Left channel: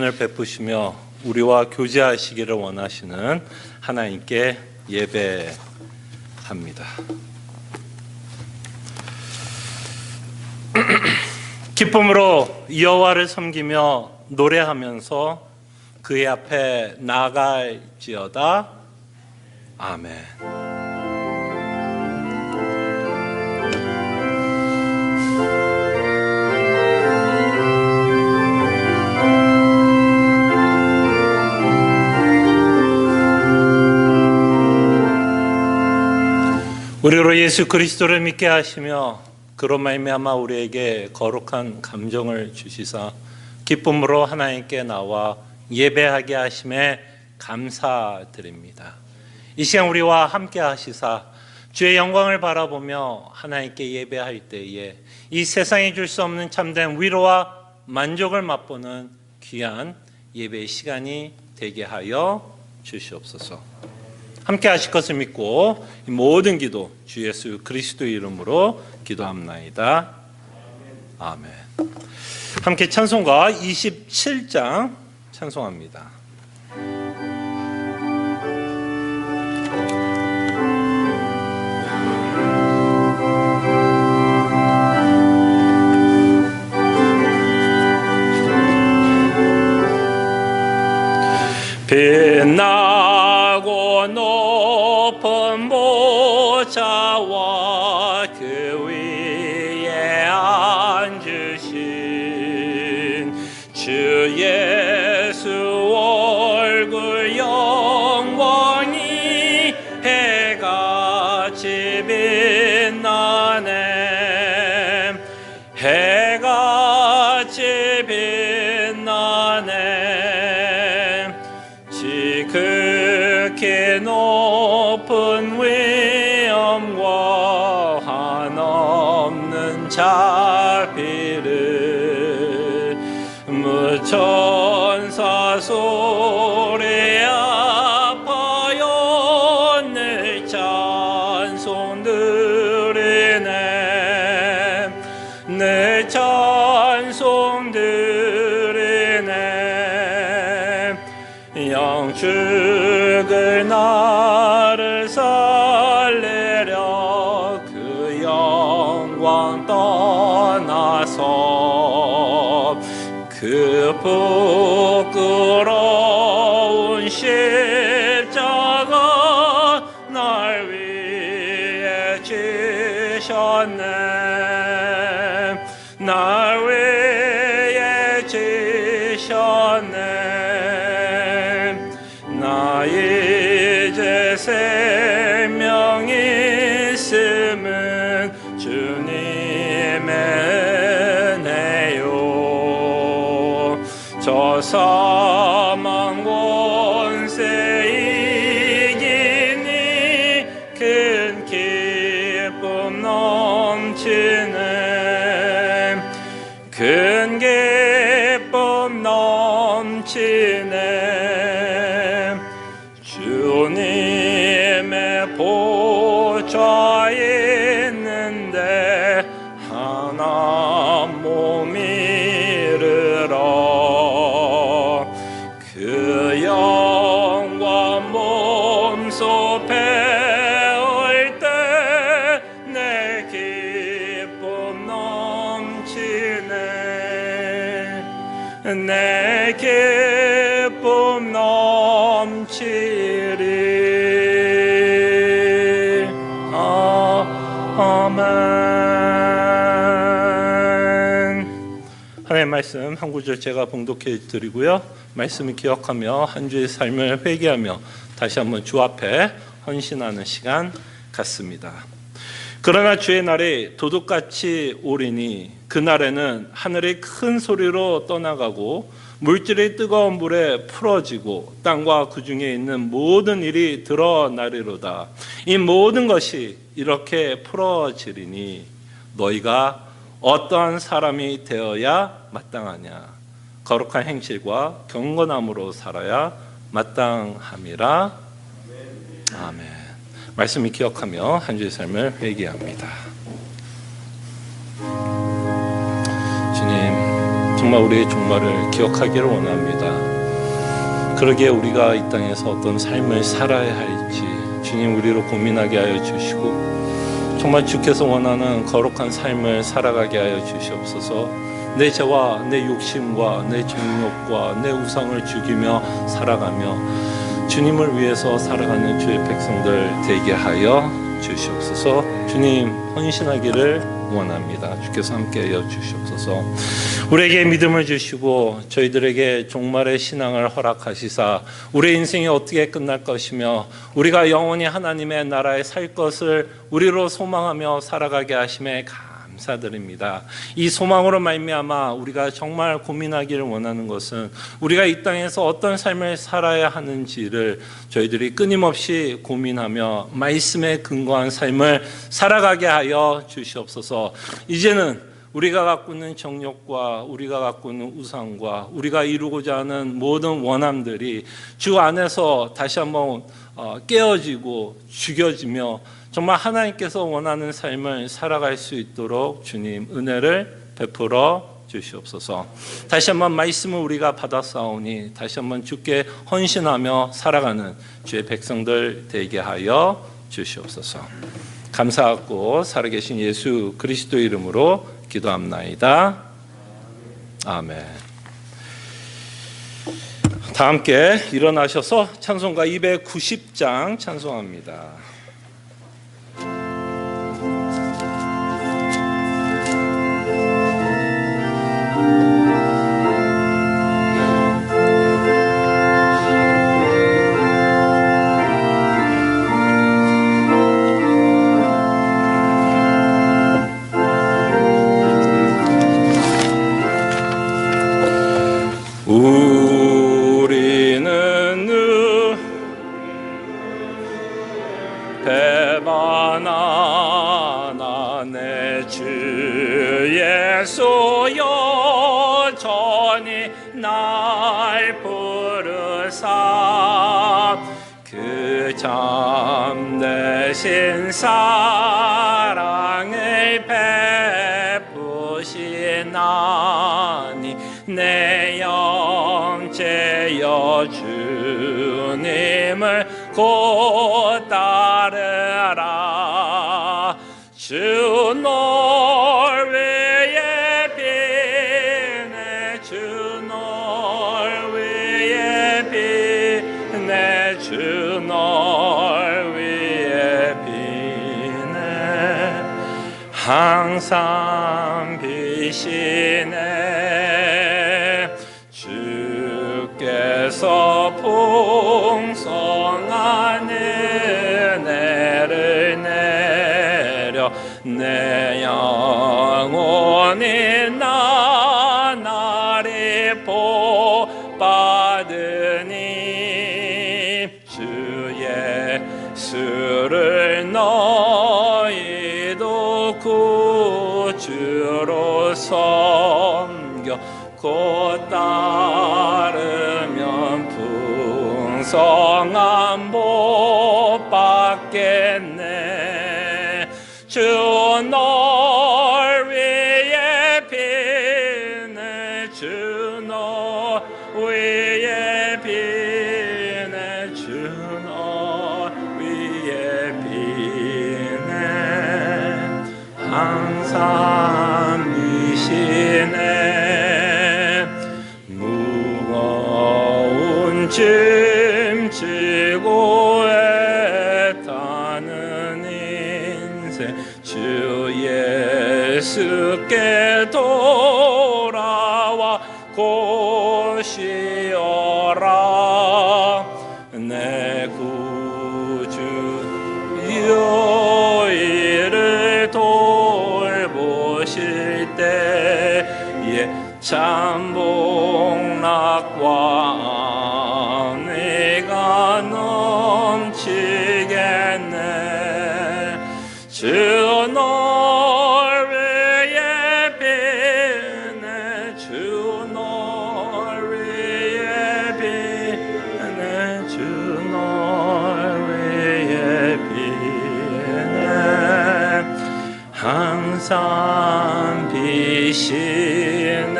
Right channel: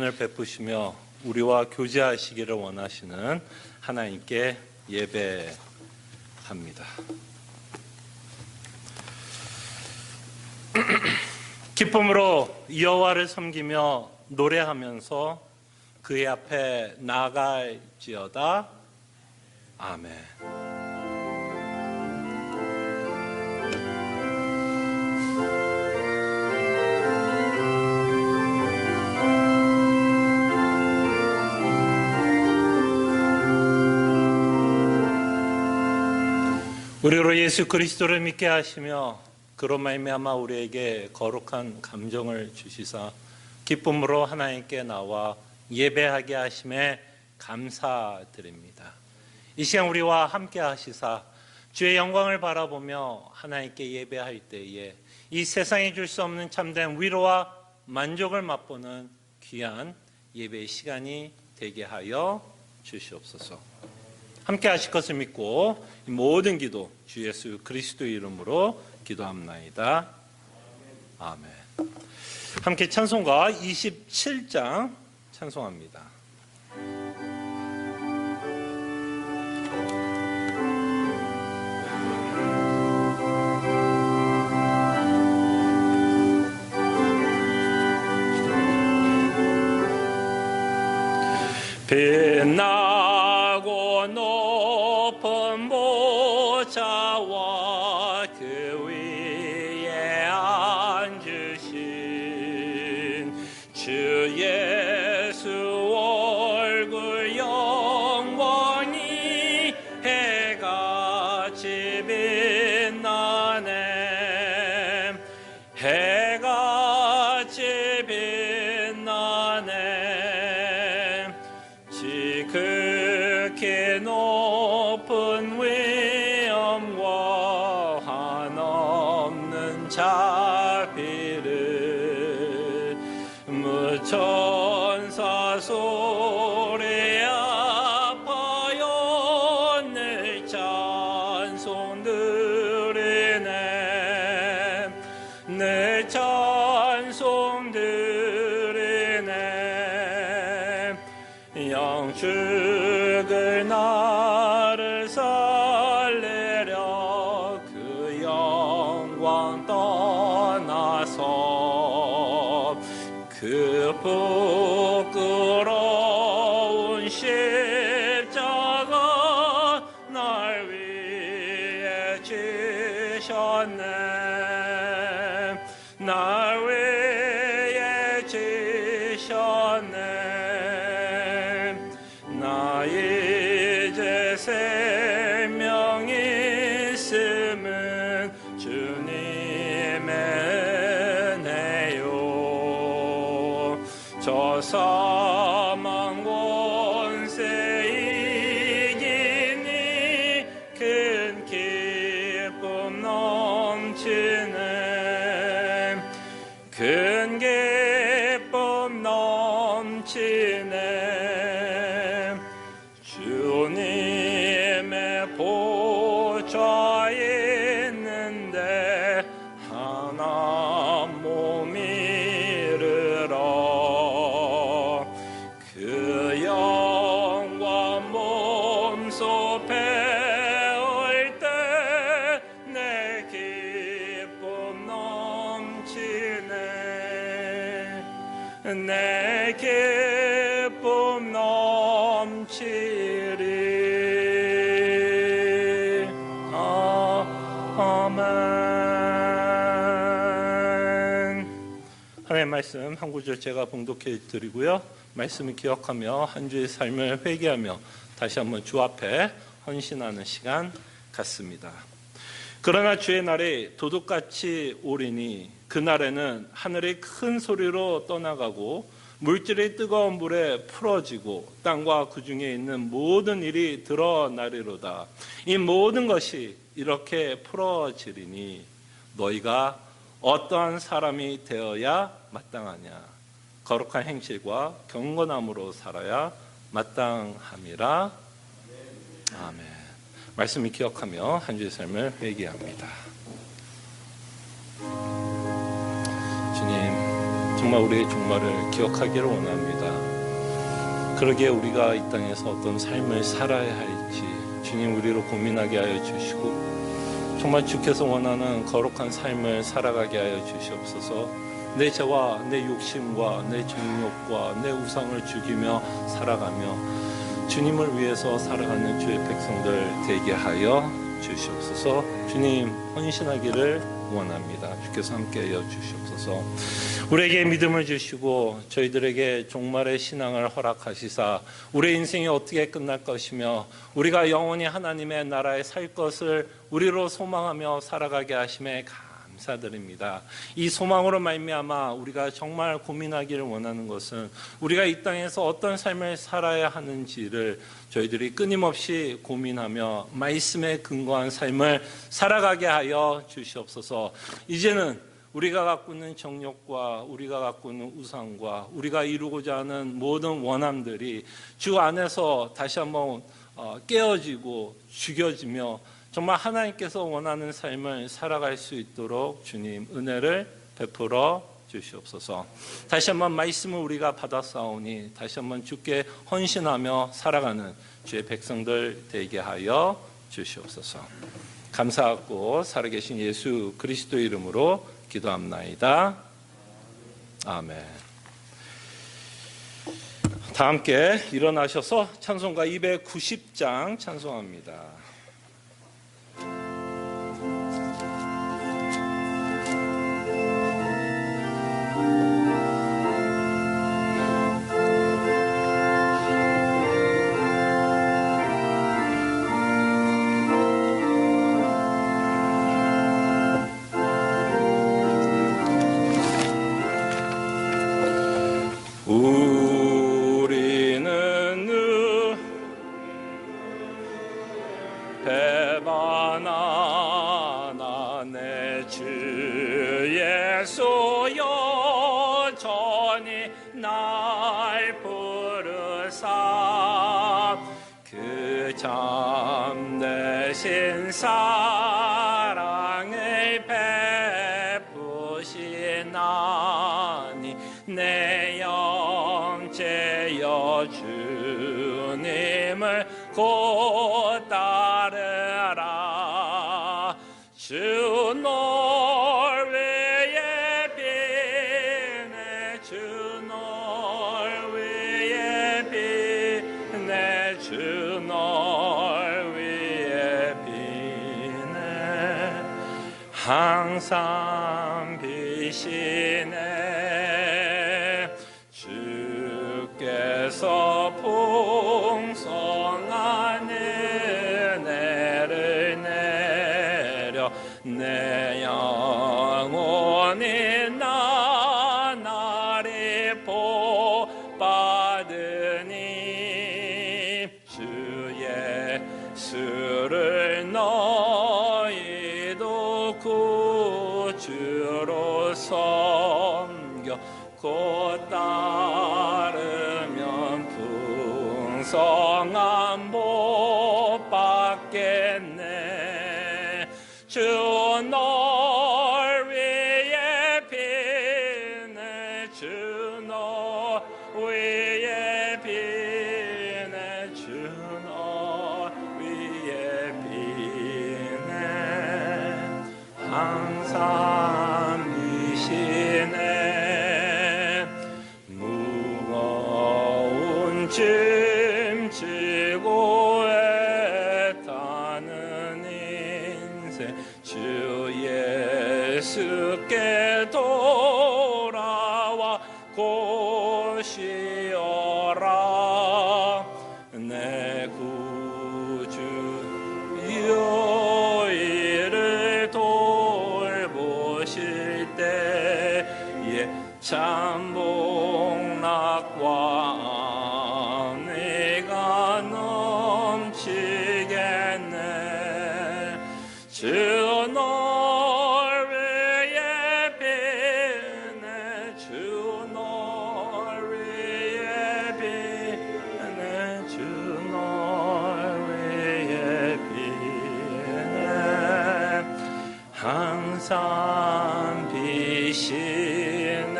을 베푸시며 우리와 교제하시기를 원하시는 하나님께 예배합니다. 기쁨으로 여호와를 섬기며 노래하면서 그의 앞에 나아갈지어다. 아멘. 우리로 예수 그리스도를 믿게 하시며 그로 말미암아 우리에게 거룩한 감정을 주시사 기쁨으로 하나님께 나와 예배하게 하심에 감사드립니다. 이 시간 우리와 함께 하시사 주의 영광을 바라보며 하나님께 예배할 때에 이 세상이 줄 수 없는 참된 위로와 만족을 맛보는 귀한 예배의 시간이 되게 하여 주시옵소서. 함께 하실 것을 믿고 이 모든 기도 주 예수 그리스도의 이름으로 기도합나이다. 아멘. 함께 찬송가 27장 찬송합니다. 빛나고 높은 보좌와 그 위에 앉으신 주 예수 얼굴 영광이 해같이 빛나네. 해같이 빛나네. 지극히 높은 위엄과 한없는 자비를 무천사 소리 앞하여 늘 찬송 드리네. 늘 찬송 드리네. 영축을 나를 살리려 그 영광 떠나서 그 부끄러운 십자가 날 위해 지셨네. 날 위해 지셨네. 나 이제 생명이 있음은 주님의 은혜요. 저 사망 권세 이기니 큰 기쁨 넘치네. 큰 기쁨 넘치네. 주님의 보좌에 있는데 하나 몸 이르러 그 영광 몸소 배울 때 내 기쁨 넘치네. 내 기쁨 넘치리. 아멘. 하나님의 말씀 한 구절 제가 봉독해 드리고요. 말씀을 기억하며 한 주의 삶을 회개하며 다시 한번 주 앞에 헌신하는 시간 갖습니다. 그러나 주의 날이 도둑같이 오리니 그날에는 하늘이 큰 소리로 떠나가고 물질이 뜨거운 물에 풀어지고 땅과 그 중에 있는 모든 일이 드러나리로다. 이 모든 것이 이렇게 풀어지리니 너희가 어떠한 사람이 되어야 마땅하냐. 거룩한 행실과 경건함으로 살아야 마땅함이라. 아멘. 말씀을 기억하며 한 주의 삶을 회개합니다. 주님, 정말 우리의 종말을 기억하기를 원합니다. 그러기에 우리가 이 땅에서 어떤 삶을 살아야 할지 주님 우리로 고민하게 하여 주시고, 정말 주께서 원하는 거룩한 삶을 살아가게 하여 주시옵소서. 내 죄와 내 욕심과 내 정욕과 내 우상을 죽이며 살아가며 주님을 위해서 살아가는 주의 백성들 되게 하여 주시옵소서. 주님 헌신하기를 원합니다. 주께서 함께하여 주시옵소서. 우리에게 믿음을 주시고 저희들에게 종말의 신앙을 허락하시사 우리의 인생이 어떻게 끝날 것이며 우리가 영원히 하나님의 나라에 살 것을 우리로 소망하며 살아가게 하심에 감사드립니다. 이 소망으로 말미암아 우리가 정말 고민하기를 원하는 것은 우리가 이 땅에서 어떤 삶을 살아야 하는지를 저희들이 끊임없이 고민하며 말씀에 근거한 삶을 살아가게 하여 주시옵소서. 이제는 우리가 갖고 있는 정욕과 우리가 갖고 있는 우상과 우리가 이루고자 하는 모든 원함들이 주 안에서 다시 한번 깨어지고 죽여지며 정말 하나님께서 원하는 삶을 살아갈 수 있도록 주님 은혜를 베풀어 주시옵소서. 다시 한번 말씀을 우리가 받았사오니 다시 한번 주께 헌신하며 살아가는 주의 백성들 되게 하여 주시옵소서. 감사하고 살아계신 예수 그리스도의 이름으로 기도합나이다. 아멘. 다 함께 일어나셔서 찬송가 290장 찬송합니다. 우리는 배만 하나 내 주 예수 여전히 날 부르사 그 참되신 사랑을 베푸시나니 내 영체여 주님을 곧 따르라. 주 널 위해 비네 주 널 위해 비네 주 널 위해 비네 항상 비시네 주께서 풍성한 은혜를 내려 내 영혼이 나날이 복받으니 주 예수를 너희도 구주로 섬겨 곧 따르면 풍성한 복 받겠네. 주 널 위해 비네 주 널 위해 비네 주 널 위해 비네 항상 비시네 무거운 짐 지고 애타는 인생 주 예수께 돌아와 고시어라. 내 구주 이를 돌보실 때에 참 복락과 은혜가 넘치겠네. 주 널 위해 비네 주 널 위해 비네 주 널 위해 비네 항상 비시네.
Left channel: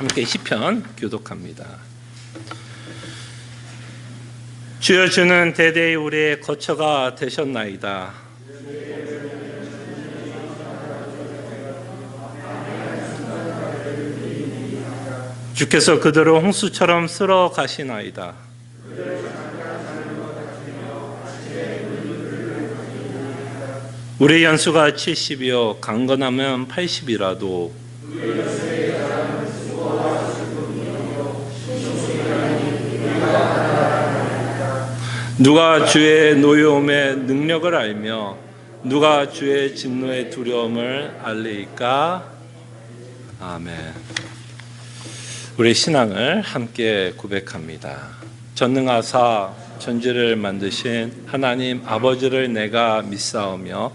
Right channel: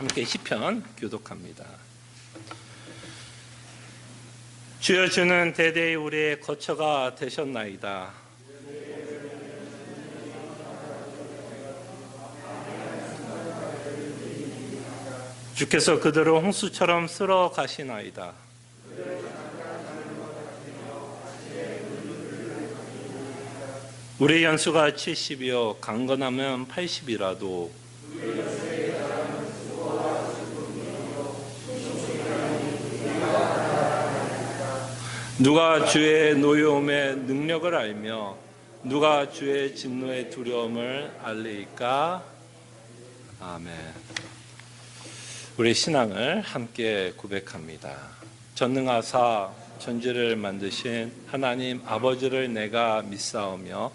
함께 시편 교독합니다. 주여, 주는 대대히 우리의 거처가 되셨나이다. 주께서 그들을 홍수처럼 쓸어 가시나이다. 우리 연수가 70이요 강건하면 80이라도 누가 주의 노여움의 능력을 알며 누가 주의 진노의 두려움을 알리까? 아멘. 우리 신앙을 함께 고백합니다. 전능하사 천지를 만드신 하나님 아버지를 내가 믿사오며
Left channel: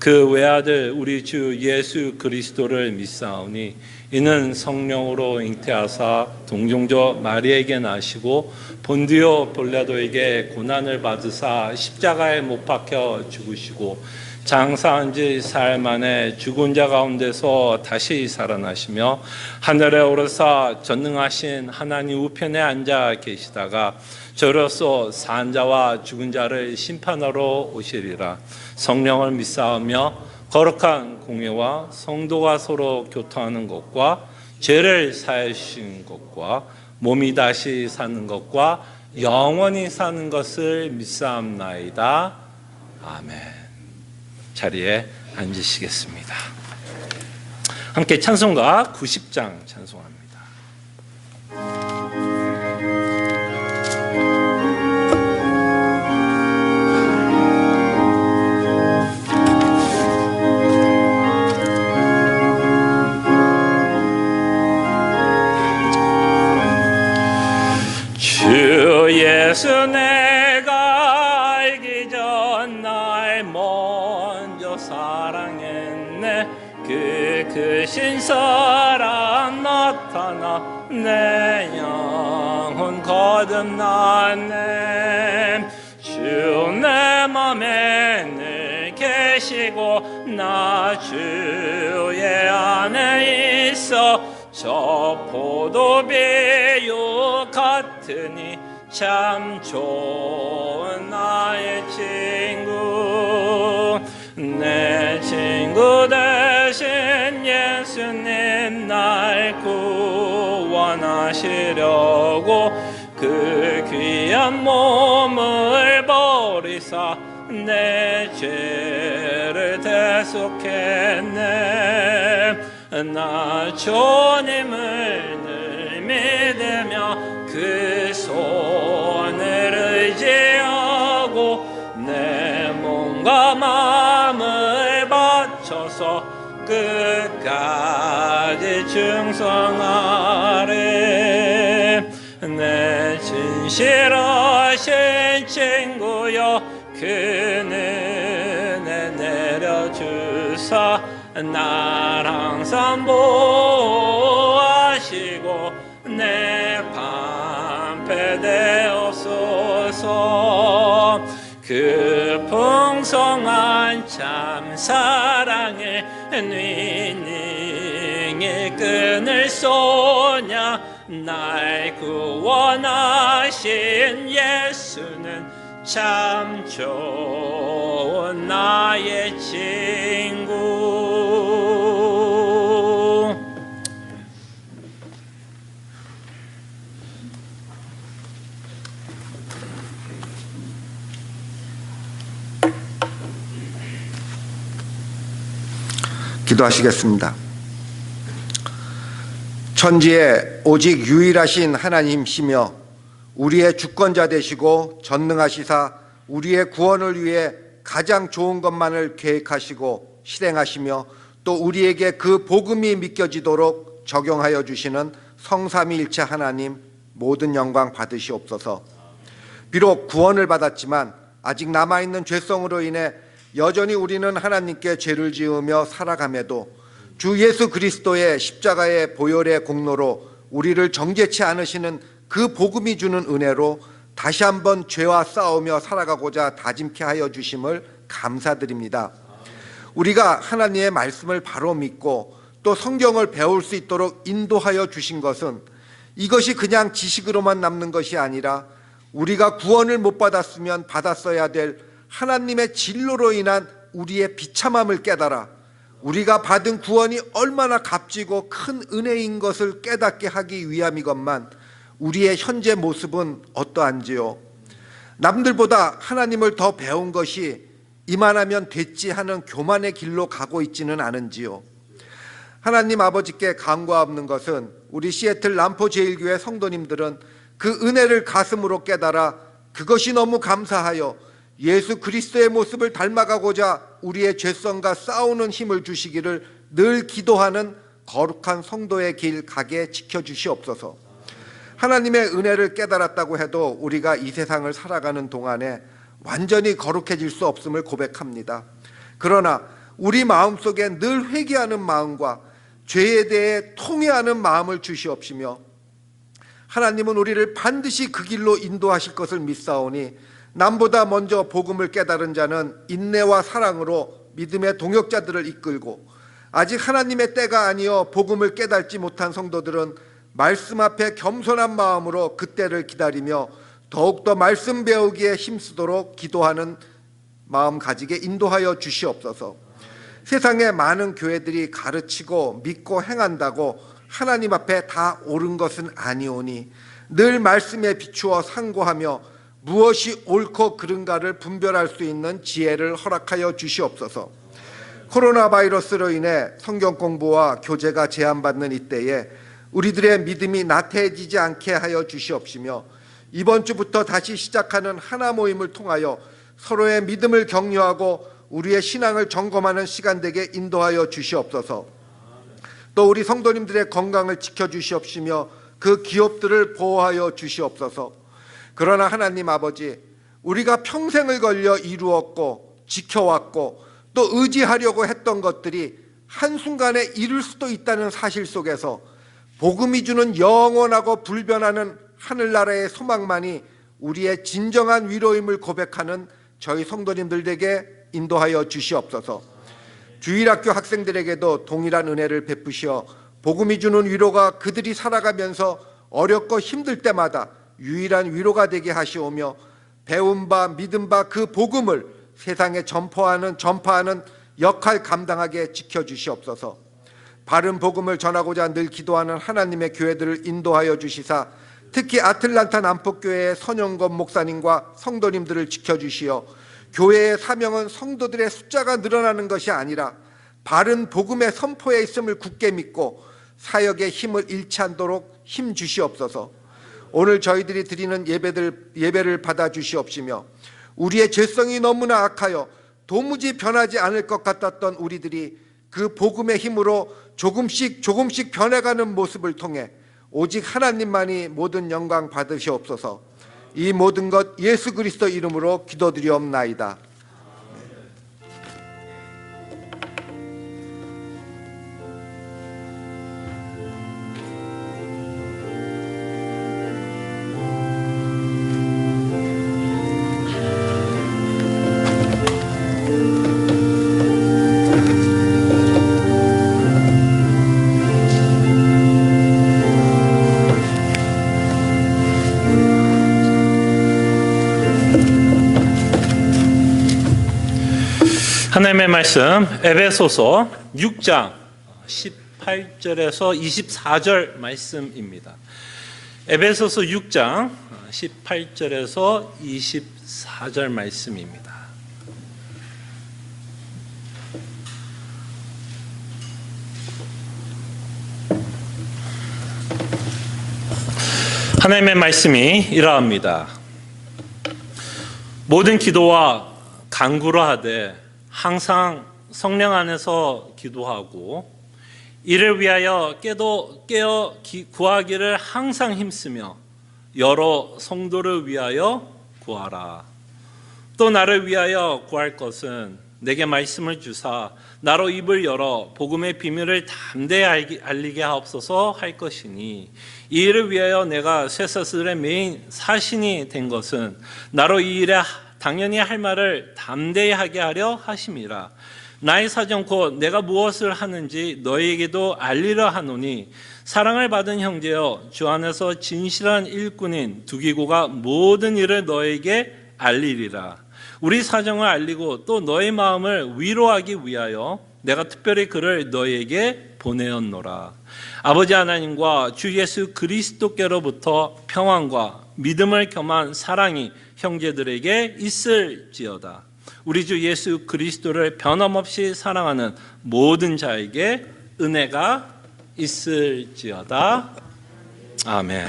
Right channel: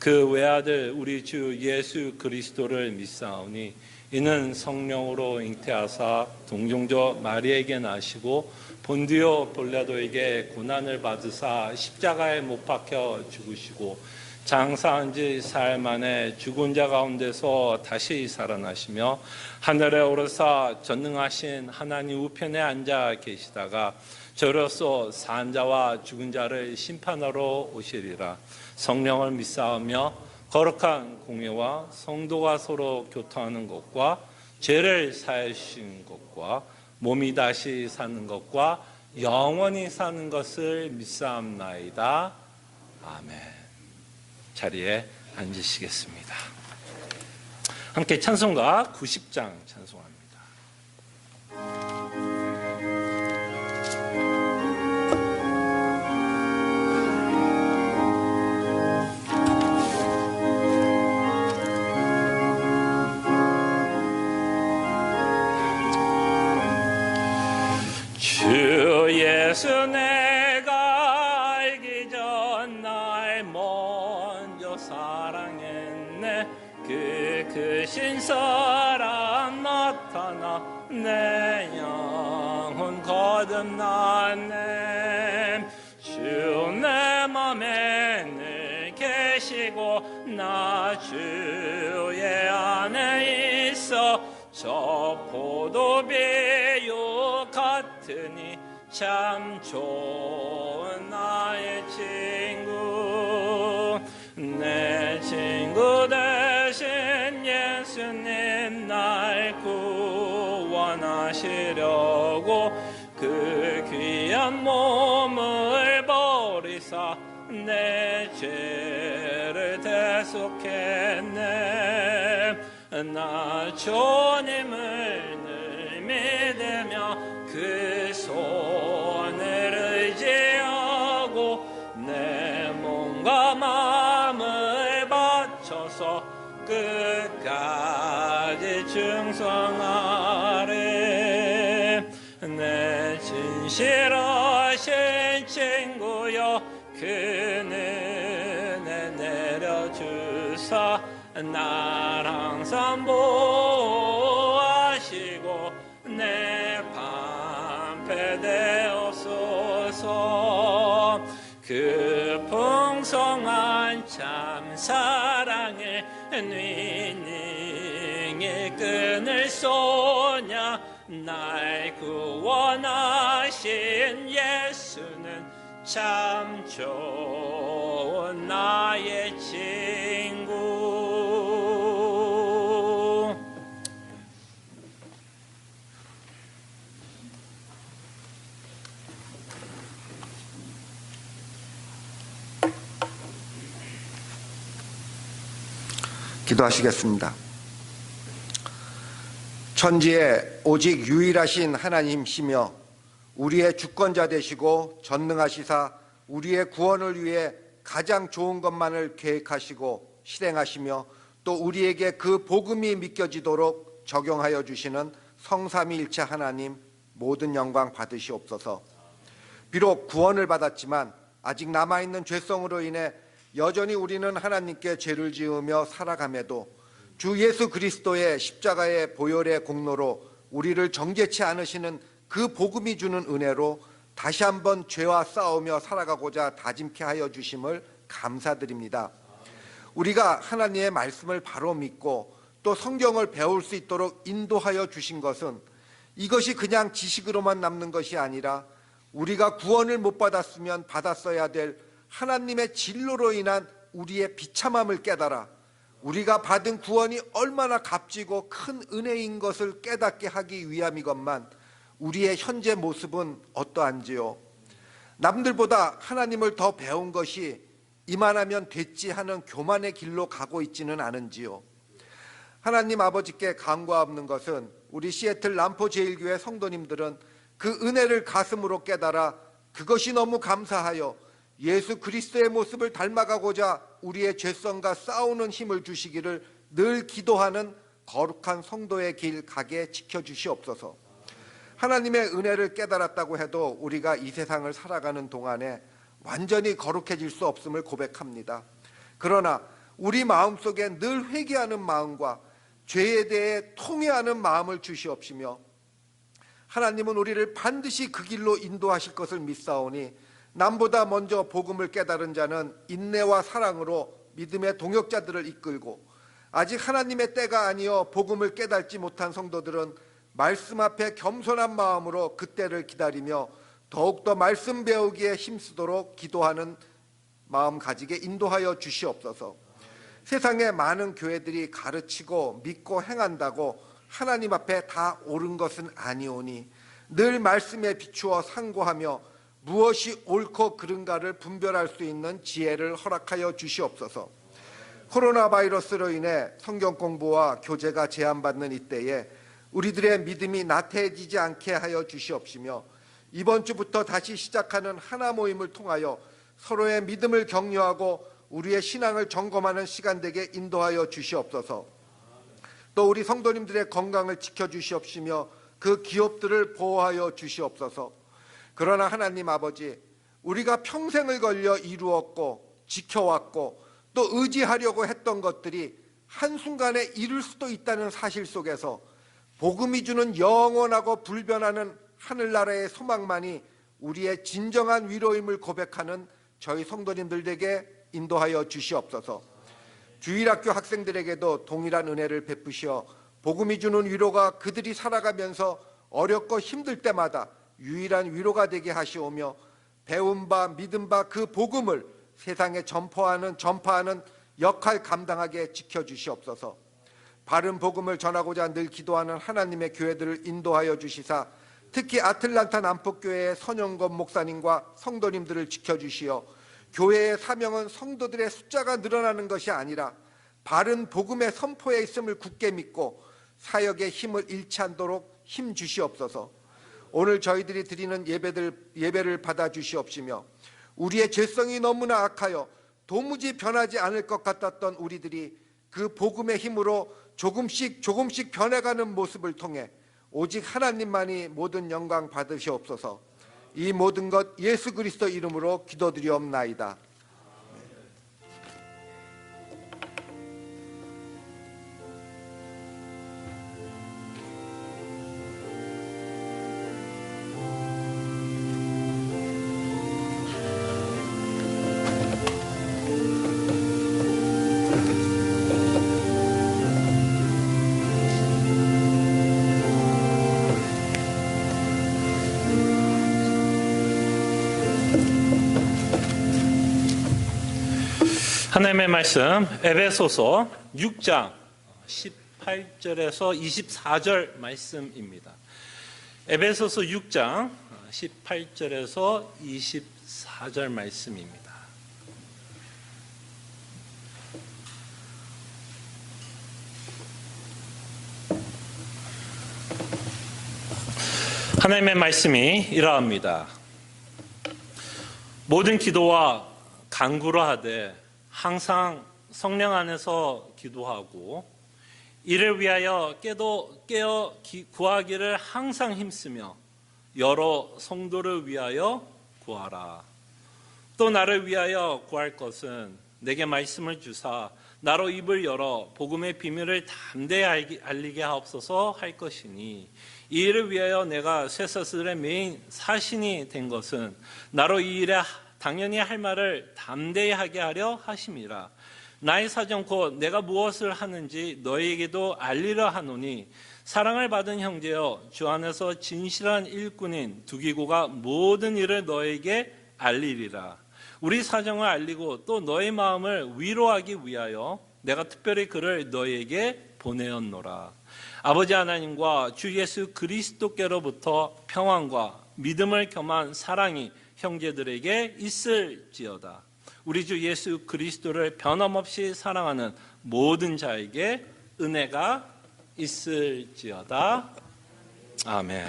그 외아들 우리 주 예수 그리스도를 믿사오니 이는 성령으로 잉태하사 동정조 마리에게 나시고 본디오 빌라도에게 고난을 받으사 십자가에 못 박혀 죽으시고 장사한 지 사흘 만에 죽은 자 가운데서 다시 살아나시며 하늘에 오르사 전능하신 하나님 우편에 앉아 계시다가 저로서 산 자와 죽은 자를 심판하러 오시리라. 성령을 믿사오며 거룩한 공예와 성도가 서로 교통하는 것과 죄를 사해 주신 것과 몸이 다시 사는 것과 영원히 사는 것을 믿사옵나이다. 아멘. 자리에 앉으시겠습니다. 함께 찬송가 90장 찬송합니다. 주 예수 내가 알기 전 날 먼저 사랑했네. 그 크신 사랑 나타나 내 영혼 거듭났네. 주 내 맘에 늘 계시고 나 주의 안에 있어 저 포도비유 같으니 참 좋은 나의 친구. 내 친구 대신 예수님 날 구원하시려고 그 귀한 몸을 버리사 내 죄를 대속했네. 나 주님을 늘 믿으며 그 손을 의지하고 내 몸과 마음을 바쳐서 끝까지 충성하리. 내 진실하신 친구여 그 은혜 내려주사 날 항상 보호하시고 내 방패 되옵소서. 그 풍성한 참 사랑을 능히 끊을 소냐. 날 구원하신 예수는 참 좋은 나의 친구. 기도하시겠습니다. 천지에 오직 유일하신 하나님이시며 우리의 주권자 되시고 전능하시사 우리의 구원을 위해 가장 좋은 것만을 계획하시고 실행하시며 또 우리에게 그 복음이 믿겨지도록 적용하여 주시는 성삼위일체 하나님 모든 영광 받으시옵소서. 비록 구원을 받았지만 아직 남아있는 죄성으로 인해 여전히 우리는 하나님께 죄를 지으며 살아감에도 주 예수 그리스도의 십자가의 보혈의 공로로 우리를 정죄치 않으시는 그 복음이 주는 은혜로 다시 한번 죄와 싸우며 살아가고자 다짐케 하여 주심을 감사드립니다. 우리가 하나님의 말씀을 바로 믿고 또 성경을 배울 수 있도록 인도하여 주신 것은 이것이 그냥 지식으로만 남는 것이 아니라 우리가 구원을 못 받았으면 받았어야 될 하나님의 진노로 인한 우리의 비참함을 깨달아 우리가 받은 구원이 얼마나 값지고 큰 은혜인 것을 깨닫게 하기 위함이건만 우리의 현재 모습은 어떠한지요? 남들보다 하나님을 더 배운 것이 이만하면 됐지 하는 교만의 길로 가고 있지는 않은지요? 하나님 아버지께 간과 없는 것은 우리 시애틀 람포 제일교회 성도님들은 그 은혜를 가슴으로 깨달아 그것이 너무 감사하여 예수 그리스도의 모습을 닮아가고자 우리의 죄성과 싸우는 힘을 주시기를 늘 기도하는 거룩한 성도의 길 가게 지켜주시옵소서. 하나님의 은혜를 깨달았다고 해도 우리가 이 세상을 살아가는 동안에 완전히 거룩해질 수 없음을 고백합니다. 그러나 우리 마음속에 늘 회개하는 마음과 죄에 대해 통회하는 마음을 주시옵시며 하나님은 우리를 반드시 그 길로 인도하실 것을 믿사오니 남보다 먼저 복음을 깨달은 자는 인내와 사랑으로 믿음의 동역자들을 이끌고 아직 하나님의 때가 아니어 복음을 깨닫지 못한 성도들은 말씀 앞에 겸손한 마음으로 그 때를 기다리며 더욱더 말씀 배우기에 힘쓰도록 기도하는 마음 가지게 인도하여 주시옵소서. 세상에 많은 교회들이 가르치고 믿고 행한다고 하나님 앞에 다 옳은 것은 아니오니 늘 말씀에 비추어 상고하며 무엇이 옳고 그른가를 분별할 수 있는 지혜를 허락하여 주시옵소서. 코로나 바이러스로 인해 성경 공부와 교제가 제한받는 이때에 우리들의 믿음이 나태해지지 않게 하여 주시옵시며 이번 주부터 다시 시작하는 하나 모임을 통하여 서로의 믿음을 격려하고 우리의 신앙을 점검하는 시간 되게 인도하여 주시옵소서. 또 우리 성도님들의 건강을 지켜주시옵시며 그 기업들을 보호하여 주시옵소서. 그러나 하나님 아버지, 우리가 평생을 걸려 이루었고 지켜왔고 또 의지하려고 했던 것들이 한순간에 이룰 수도 있다는 사실 속에서 복음이 주는 영원하고 불변하는 하늘나라의 소망만이 우리의 진정한 위로임을 고백하는 저희 성도님들에게 인도하여 주시옵소서. 주일학교 학생들에게도 동일한 은혜를 베푸시어 복음이 주는 위로가 그들이 살아가면서 어렵고 힘들 때마다 유일한 위로가 되게 하시오며 배운 바 믿은 바 그 복음을 세상에 전파하는 역할 감당하게 지켜주시옵소서. 바른 복음을 전하고자 늘 기도하는 하나님의 교회들을 인도하여 주시사 특히 아틀란타 남북교회의 선영건 목사님과 성도님들을 지켜주시어 교회의 사명은 성도들의 숫자가 늘어나는 것이 아니라 바른 복음의 선포에 있음을 굳게 믿고 사역의 힘을 잃지 않도록 힘 주시옵소서. 오늘 저희들이 드리는 예배를 받아 주시옵시며 우리의 죄성이 너무나 악하여 도무지 변하지 않을 것 같았던 우리들이 그 복음의 힘으로 조금씩 변해가는 모습을 통해 오직 하나님만이 모든 영광 받으시옵소서. 이 모든 것 예수 그리스도 이름으로 기도드리옵나이다. 하나님의 말씀 에베소서 6장 18절에서 24절 말씀입니다. 에베소서 6장 18절에서 24절 말씀입니다. 하나님의 말씀이 이러합니다. 모든 기도와 간구로 하되 항상 성령 안에서 기도하고 이를 위하여 깨어 구하기를 항상 힘쓰며 여러 성도를 위하여 구하라. 또 나를 위하여 구할 것은 내게 말씀을 주사 나로 입을 열어 복음의 비밀을 담대히 알리게 하옵소서 할 것이니 이 일을 위하여 내가 쇠사슬의 메인 사신이 된 것은 나로 이 일에 당연히 할 말을 담대히 하게 하려 하심이라. 나의 사정 곧 내가 무엇을 하는지 너희에게도 알리려 하노니 사랑을 받은 형제여 주 안에서 진실한 일꾼인 두기고가 모든 일을 너에게 알리리라. 우리 사정을 알리고 또 너의 마음을 위로하기 위하여 내가 특별히 그를 너희에게 보내었노라. 아버지 하나님과 주 예수 그리스도께로부터 평안과 믿음을 겸한 사랑이 형제들에게 있을지어다. 우리 주 예수 그리스도를 변함없이 사랑하는 모든 자에게 은혜가 있을지어다. 아멘.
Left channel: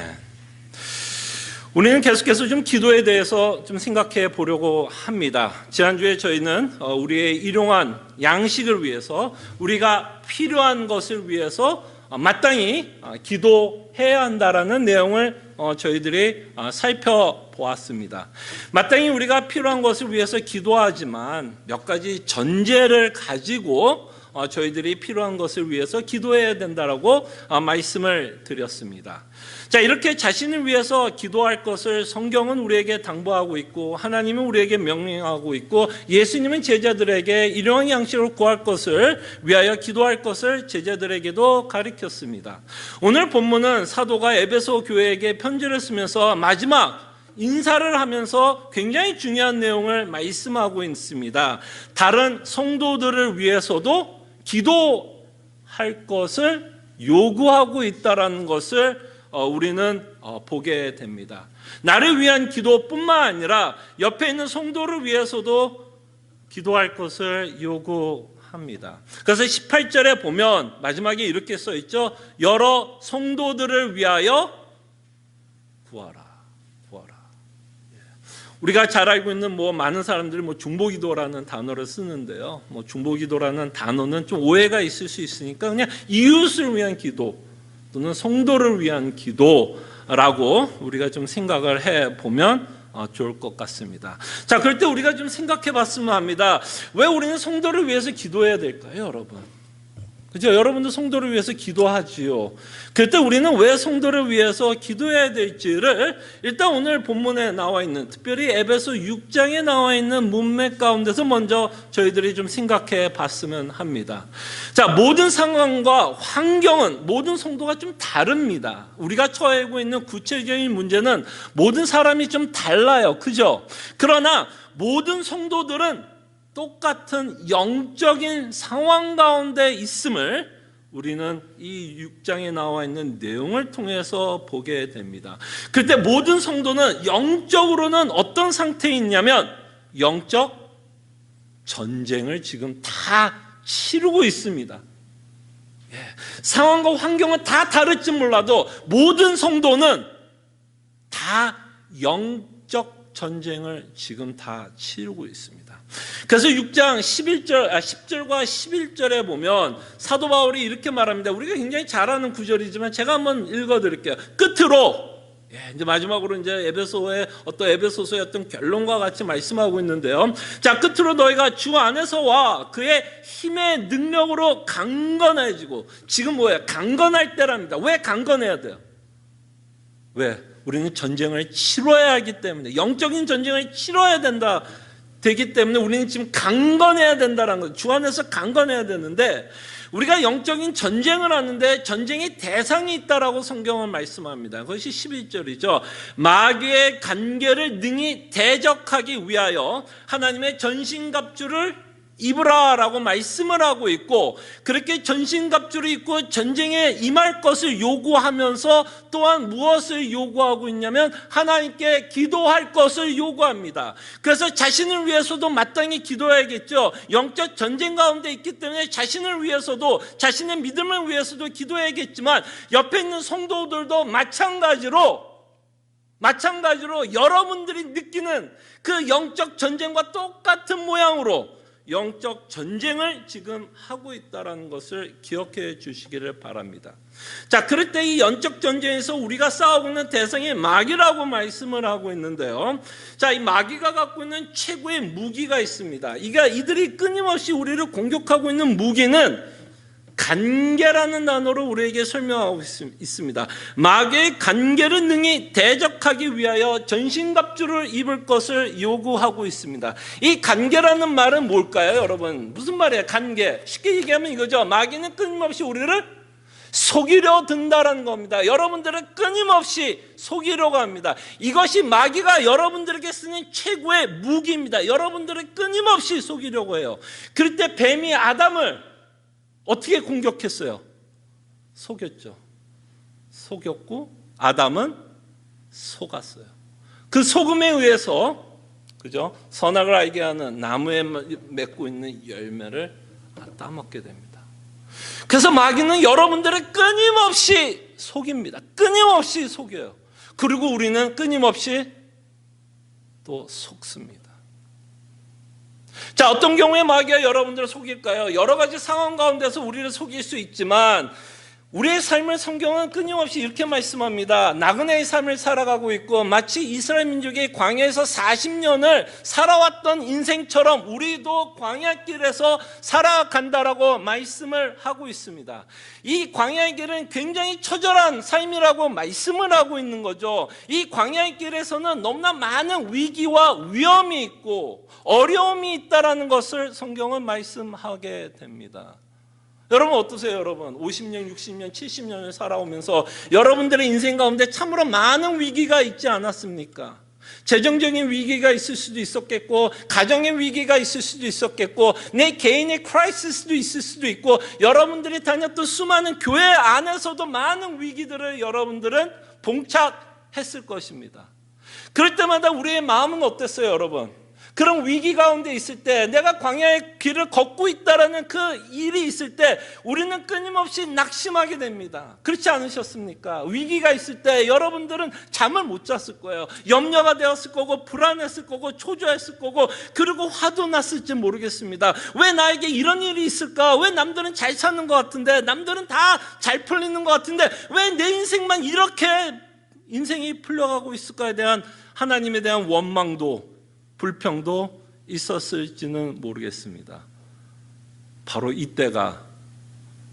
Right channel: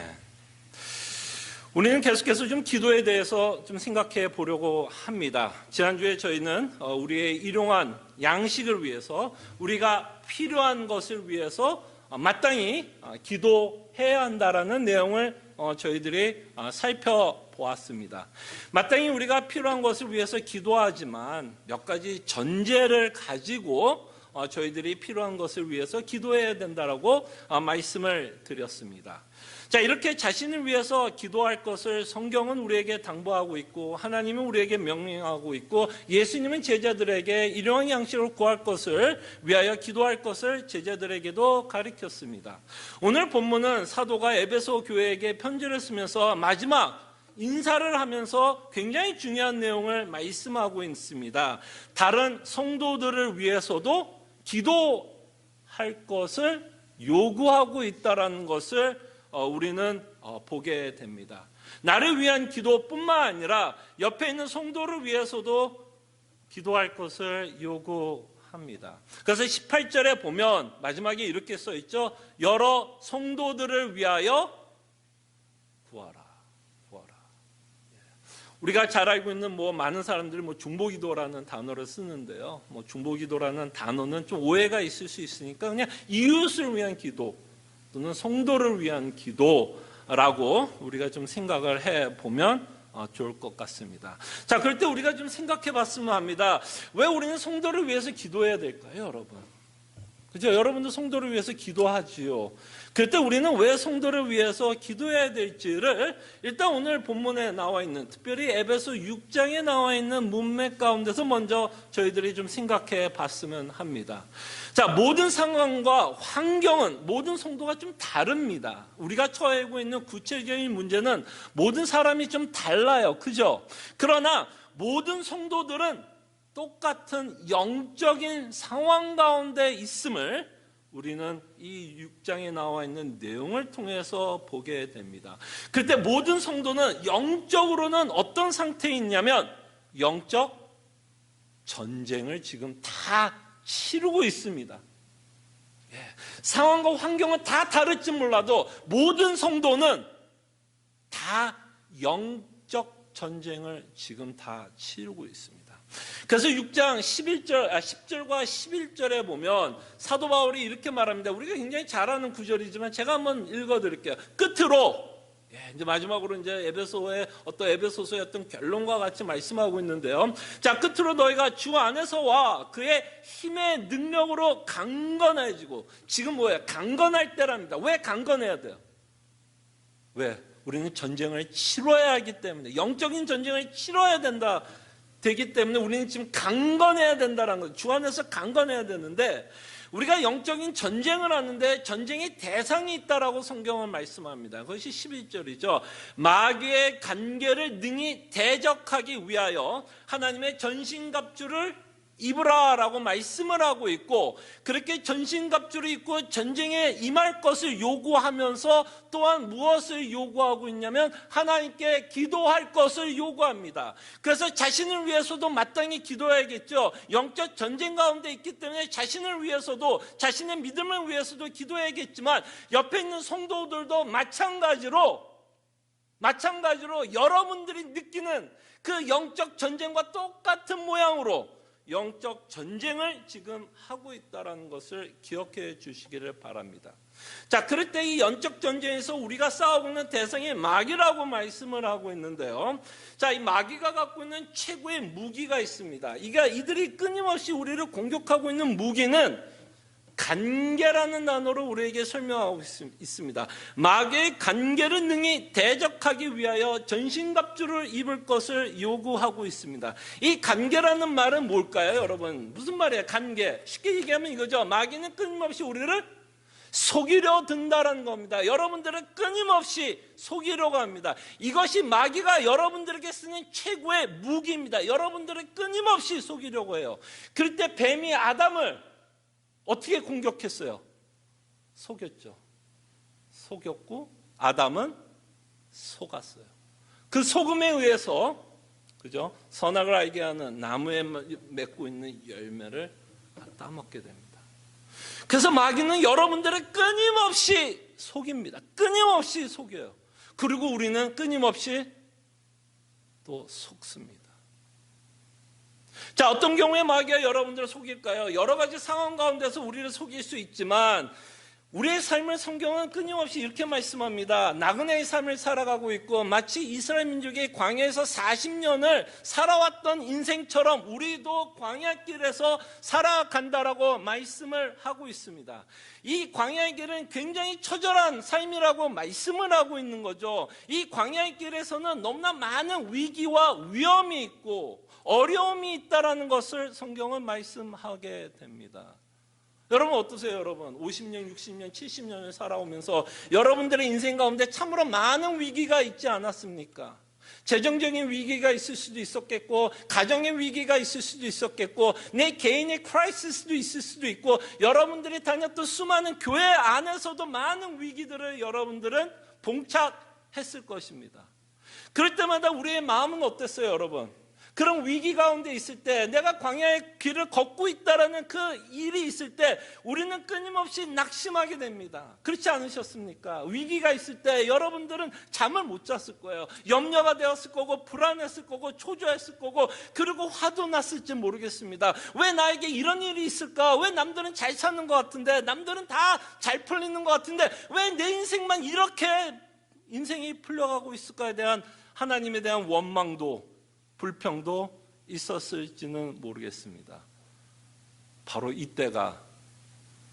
우리는 계속해서 좀 기도에 대해서 좀 생각해 보려고 합니다. 지난주에 저희는 우리의 일용한 양식을 위해서, 우리가 필요한 것을 위해서 마땅히 기도해야 한다라는 내용을 저희들이 살펴보았습니다. 마땅히 우리가 필요한 것을 위해서 기도하지만 몇 가지 전제를 가지고 저희들이 필요한 것을 위해서 기도해야 된다라고 말씀을 드렸습니다. 자, 이렇게 자신을 위해서 기도할 것을 성경은 우리에게 당부하고 있고 하나님은 우리에게 명령하고 있고 예수님은 제자들에게 일용할 양식을 구할 것을 위하여 기도할 것을 제자들에게도 가르쳤습니다. 오늘 본문은 사도가 에베소 교회에게 편지를 쓰면서 마지막 인사를 하면서 굉장히 중요한 내용을 말씀하고 있습니다. 다른 성도들을 위해서도 기도할 것을 요구하고 있다는 것을 우리는 보게 됩니다. 나를 위한 기도뿐만 아니라 옆에 있는 성도를 위해서도 기도할 것을 요구합니다. 그래서 18절에 보면 마지막에 이렇게 써 있죠. 여러 성도들을 위하여 구하라. 우리가 잘 알고 있는 많은 사람들이 중보기도라는 단어를 쓰는데요. 중보기도라는 단어는 좀 오해가 있을 수 있으니까 그냥 이웃을 위한 기도 또는 성도를 위한 기도라고 우리가 좀 생각을 해보면 좋을 것 같습니다. 자, 그럴 때 우리가 좀 생각해 봤으면 합니다. 왜 우리는 성도를 위해서 기도해야 될까요, 여러분? 그죠? 여러분도 성도를 위해서 기도하지요. 그때 우리는 왜 성도를 위해서 기도해야 될지를 일단 오늘 본문에 나와 있는, 특별히 에베소 6장에 나와 있는 문맥 가운데서 먼저 저희들이 좀 생각해 봤으면 합니다. 자, 모든 상황과 환경은 모든 성도가 좀 다릅니다. 우리가 처하고 있는 구체적인 문제는 모든 사람이 좀 달라요. 그죠? 그러나 모든 성도들은 똑같은 영적인 상황 가운데 있음을 우리는 이 6장에 나와 있는 내용을 통해서 보게 됩니다. 그때 모든 성도는 영적으로는 어떤 상태에 있냐면 영적 전쟁을 지금 다 치르고 있습니다. 상황과 환경은 다 다를지 몰라도 모든 성도는 다 영적 전쟁을 지금 다 치르고 있습니다. 그래서 6장 10절과 11절에 보면 사도 바울이 이렇게 말합니다. 우리가 굉장히 잘 아는 구절이지만 제가 한번 읽어드릴게요. 끝으로, 이제 마지막으로 이제 에베소서의 어떤 결론과 같이 말씀하고 있는데요. 자, 끝으로 너희가 주 안에서와 그의 힘의 능력으로 강건해지고, 지금 뭐예요? 강건할 때랍니다. 왜 강건해야 돼요? 왜? 우리는 전쟁을 치러야 하기 때문에, 영적인 전쟁을 치러야 되기 때문에 우리는 지금 강건해야 된다는 거죠. 주 안에서 강건해야 되는데, 우리가 영적인 전쟁을 하는데 전쟁의 대상이 있다라고 성경은 말씀합니다. 그것이 11절이죠. 마귀의 간계를 능히 대적하기 위하여 하나님의 전신갑주를 입으라라고 말씀을 하고 있고, 그렇게 전신갑주를 입고 전쟁에 임할 것을 요구하면서 또한 무엇을 요구하고 있냐면 하나님께 기도할 것을 요구합니다. 그래서 자신을 위해서도 마땅히 기도해야겠죠. 영적 전쟁 가운데 있기 때문에 자신을 위해서도, 자신의 믿음을 위해서도 기도해야겠지만 옆에 있는 성도들도 마찬가지로 여러분들이 느끼는 그 영적 전쟁과 똑같은 모양으로 영적 전쟁을 지금 하고 있다는 것을 기억해 주시기를 바랍니다. 자, 그럴 때 이 영적 전쟁에서 우리가 싸우고 있는 대상이 마귀라고 말씀을 하고 있는데요. 자, 이 마귀가 갖고 있는 최고의 무기가 있습니다. 이들이 끊임없이 우리를 공격하고 있는 무기는 간계라는 단어로 우리에게 설명하고 있습니다. 마귀의 간계를 능히 대적하기 위하여 전신갑주를 입을 것을 요구하고 있습니다. 이 간계라는 말은 뭘까요, 여러분? 무슨 말이에요, 간계? 쉽게 얘기하면 이거죠. 마귀는 끊임없이 우리를 속이려 든다라는 겁니다. 여러분들을 끊임없이 속이려고 합니다. 이것이 마귀가 여러분들에게 쓰는 최고의 무기입니다. 여러분들을 끊임없이 속이려고 해요. 그럴 때 뱀이 아담을 어떻게 공격했어요? 속였죠. 속였고 아담은 속았어요. 그 속음에 의해서, 그죠? 선악을 알게 하는 나무에 맺고 있는 열매를 따먹게 됩니다. 그래서 마귀는 여러분들을 끊임없이 속입니다. 끊임없이 속여요. 그리고 우리는 끊임없이 또 속습니다. 자, 어떤 경우에 마귀가 여러분들을 속일까요? 여러 가지 상황 가운데서 우리를 속일 수 있지만 우리의 삶을 성경은 끊임없이 이렇게 말씀합니다. 나그네의 삶을 살아가고 있고 마치 이스라엘 민족이 광야에서 40년을 살아왔던 인생처럼 우리도 광야길에서 살아간다라고 말씀을 하고 있습니다. 이 광야의 길은 굉장히 처절한 삶이라고 말씀을 하고 있는 거죠. 이 광야의 길에서는 너무나 많은 위기와 위험이 있고 어려움이 있다라는 것을 성경은 말씀하게 됩니다. 여러분 어떠세요? 여러분 50년, 60년, 70년을 살아오면서 여러분들의 인생 가운데 참으로 많은 위기가 있지 않았습니까? 재정적인 위기가 있을 수도 있었겠고, 가정의 위기가 있을 수도 있었겠고, 내 개인의 크라이시스도 있을 수도 있고, 여러분들이 다녔던 수많은 교회 안에서도 많은 위기들을 여러분들은 봉착했을 것입니다. 그럴 때마다 우리의 마음은 어땠어요, 여러분? 그런 위기 가운데 있을 때, 내가 광야의 길을 걷고 있다라는 그 일이 있을 때 우리는 끊임없이 낙심하게 됩니다. 그렇지 않으셨습니까? 위기가 있을 때 여러분들은 잠을 못 잤을 거예요. 염려가 되었을 거고, 불안했을 거고, 초조했을 거고, 그리고 화도 났을지 모르겠습니다. 왜 나에게 이런 일이 있을까? 왜 남들은 잘 사는 것 같은데, 남들은 다 잘 풀리는 것 같은데 왜 내 인생만 이렇게 인생이 풀려가고 있을까에 대한 하나님에 대한 원망도, 불평도 있었을지는 모르겠습니다. 바로 이때가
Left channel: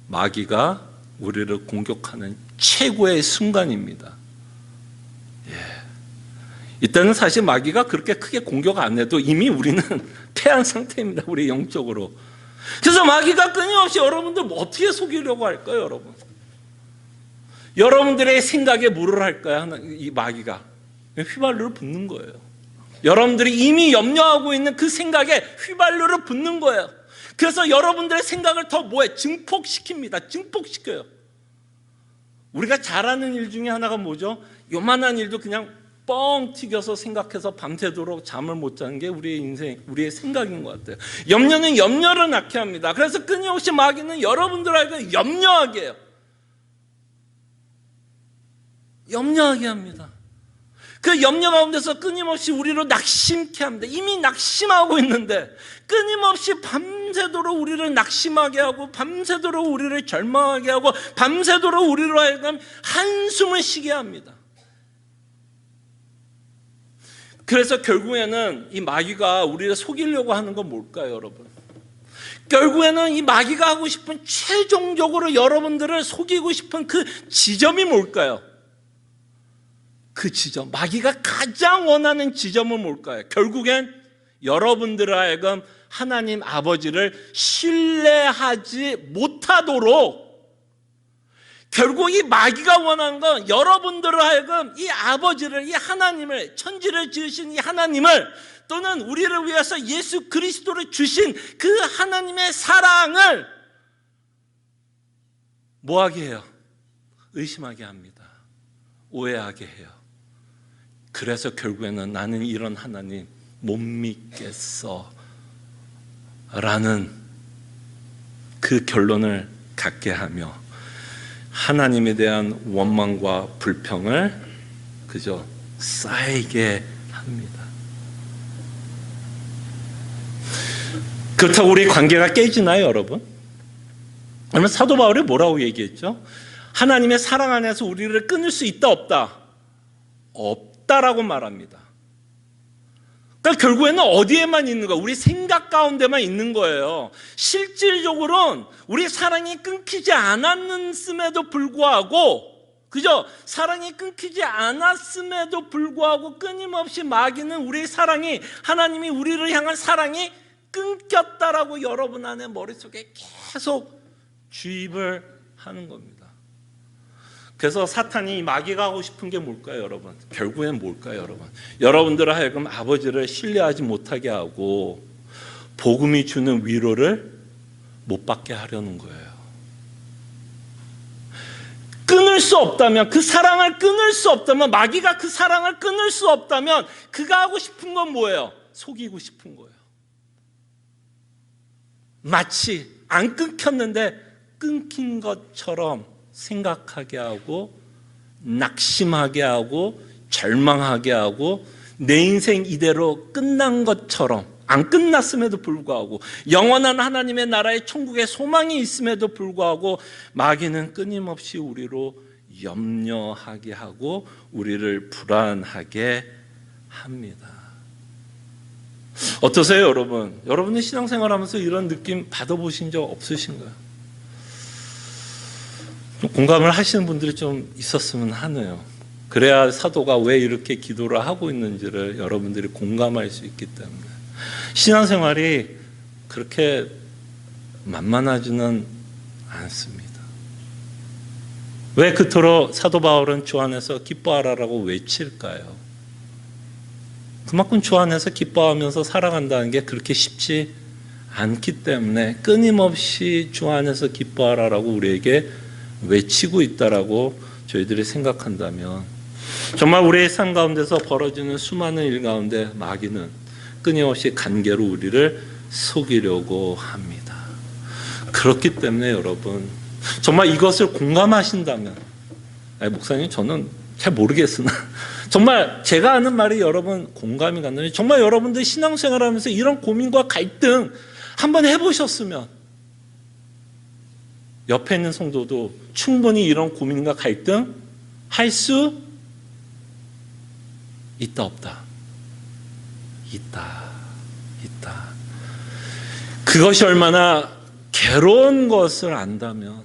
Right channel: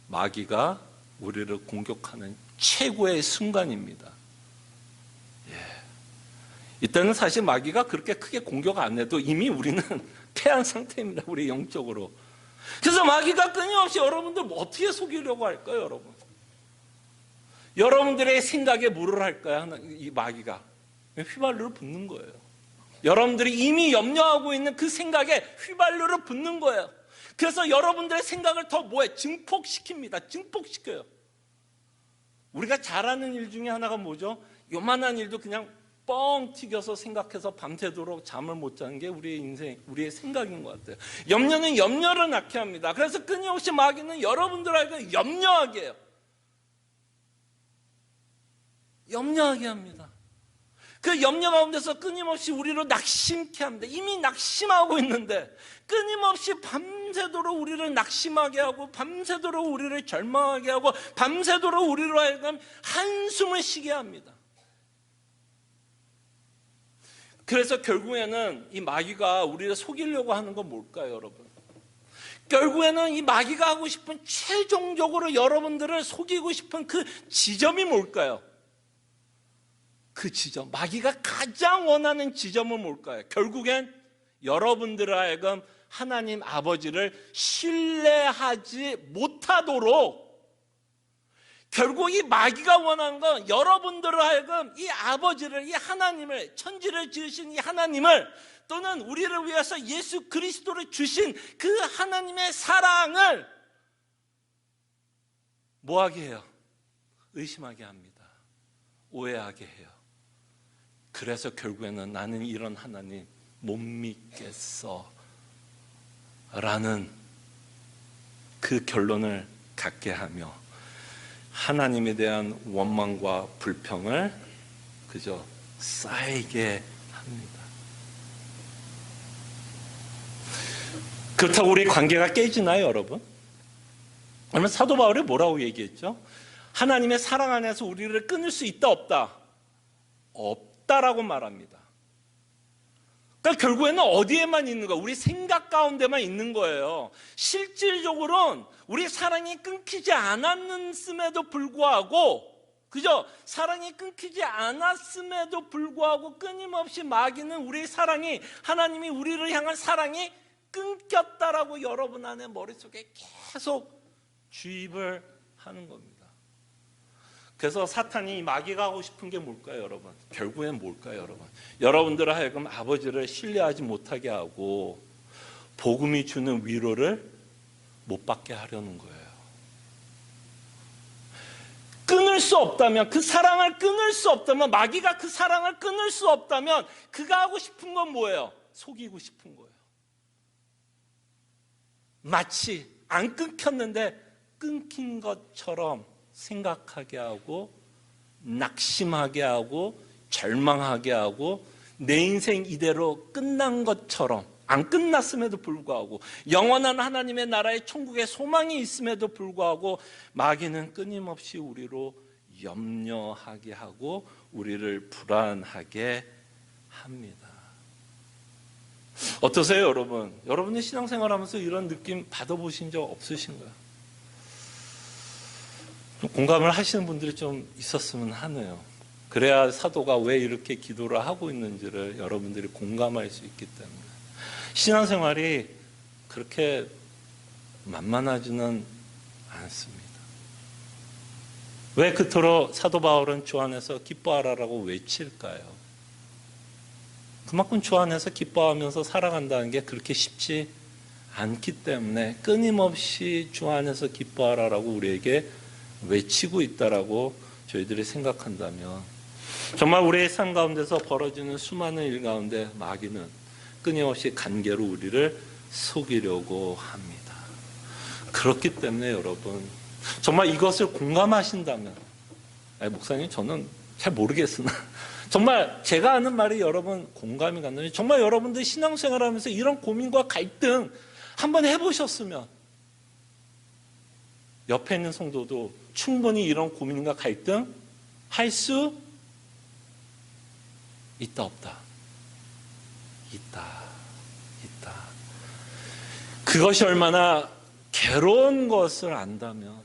마귀가 우리를 공격하는 최고의 순간입니다. 이때는 사실 마귀가 그렇게 크게 공격 안 해도 이미 우리는 패한 상태입니다. 우리 영적으로. 그래서 마귀가 끊임없이 여러분들 어떻게 속이려고 할까요, 여러분? 여러분들의 생각에 물을 할까요? 이 마귀가 휘발유를 붓는 거예요. 여러분들이 이미 염려하고 있는 그 생각에 휘발유를 붓는 거예요. 그래서 여러분들의 생각을 더 증폭시킵니다. 증폭시켜요. 우리가 잘하는 일 중에 하나가 뭐죠? 요만한 일도 그냥 뻥 튀겨서 생각해서 밤새도록 잠을 못 자는 게 우리의 인생, 우리의 생각인 것 같아요. 염려는 염려를 낳게 합니다. 그래서 끊임없이 마귀는 여러분들에게 염려하게 해요. 염려하게 합니다. 그 염려 가운데서 끊임없이 우리를 낙심케 합니다. 이미 낙심하고 있는데 끊임없이 밤새도록 우리를 낙심하게 하고, 밤새도록 우리를 절망하게 하고, 밤새도록 우리로 하여금 한숨을 쉬게 합니다. 그래서 결국에는 이 마귀가 우리를 속이려고 하는 건 뭘까요, 여러분? 결국에는 이 마귀가 하고 싶은, 최종적으로 여러분들을 속이고 싶은 그 지점이 뭘까요? 그 지점, 마귀가 가장 원하는 지점은 뭘까요? 결국엔 여러분들 하여금 하나님 아버지를 신뢰하지 못하도록, 결국 이 마귀가 원하는 건 여러분들 하여금 이 아버지를, 이 하나님을, 천지를 지으신 이 하나님을, 또는 우리를 위해서 예수 그리스도를 주신 그 하나님의 사랑을 뭐하게 해요? 의심하게 합니다. 오해하게 해요. 그래서 결국에는 나는 이런 하나님 못 믿겠어 라는 그 결론을 갖게 하며 하나님에 대한 원망과 불평을 그저 쌓이게 합니다. 그렇다고 우리 관계가 깨지나요, 여러분? 그러면 사도 바울이 뭐라고 얘기했죠? 하나님의 사랑 안에서 우리를 끊을 수 있다, 없다? 없다라고 말합니다. 그러니까 결국에는 어디에만 있는 거야? 우리 생각 가운데만 있는 거예요. 실질적으로는 우리 사랑이 끊기지 않았음에도 불구하고, 그죠? 사랑이 끊기지 않았음에도 불구하고 끊임없이 마귀는 우리의 사랑이, 하나님이 우리를 향한 사랑이 끊겼다라고 여러분 안에 머릿속에 계속 주입을 하는 겁니다. 그래서 사탄이, 마귀가 하고 싶은 게 뭘까요, 여러분? 결국엔 뭘까요, 여러분? 여러분들 하여금 아버지를 신뢰하지 못하게 하고 복음이 주는 위로를 못 받게 하려는 거예요. 끊을 수 없다면, 그 사랑을 끊을 수 없다면, 마귀가 그 사랑을 끊을 수 없다면 그가 하고 싶은 건 뭐예요? 속이고 싶은 거예요. 마치 안 끊겼는데 끊긴 것처럼 생각하게 하고, 낙심하게 하고, 절망하게 하고, 내 인생 이대로 끝난 것처럼, 안 끝났음에도 불구하고, 영원한 하나님의 나라의 천국의 소망이 있음에도 불구하고 마귀는 끊임없이 우리로 염려하게 하고 우리를 불안하게 합니다. 어떠세요, 여러분? 여러분의 신앙생활하면서 이런 느낌 받아보신 적 없으신가요? 공감을 하시는 분들이 좀 있었으면 하네요. 그래야 사도가 왜 이렇게 기도를 하고 있는지를 여러분들이 공감할 수 있기 때문에. 신앙생활이 그렇게 만만하지는 않습니다. 왜 그토록 사도 바울은 주 안에서 기뻐하라라고 외칠까요? 그만큼 주 안에서 기뻐하면서 살아간다는 게 그렇게 쉽지 않기 때문에 끊임없이 주 안에서 기뻐하라라고 우리에게 외치고 있다라고 저희들이 생각한다면, 정말 우리의 삶 가운데서 벌어지는 수많은 일 가운데 마귀는 끊임없이 간계로 우리를 속이려고 합니다. 그렇기 때문에 여러분, 정말 이것을 공감하신다면, 목사님 저는 잘 모르겠으나 정말 제가 하는 말이 여러분 공감이 간다면, 정말 여러분들 신앙생활하면서 이런 고민과 갈등 한번 해보셨으면 옆에 있는 성도도 충분히 이런 고민과 갈등 할 수 있다, 없다? 있다. 그것이 얼마나 괴로운 것을 안다면,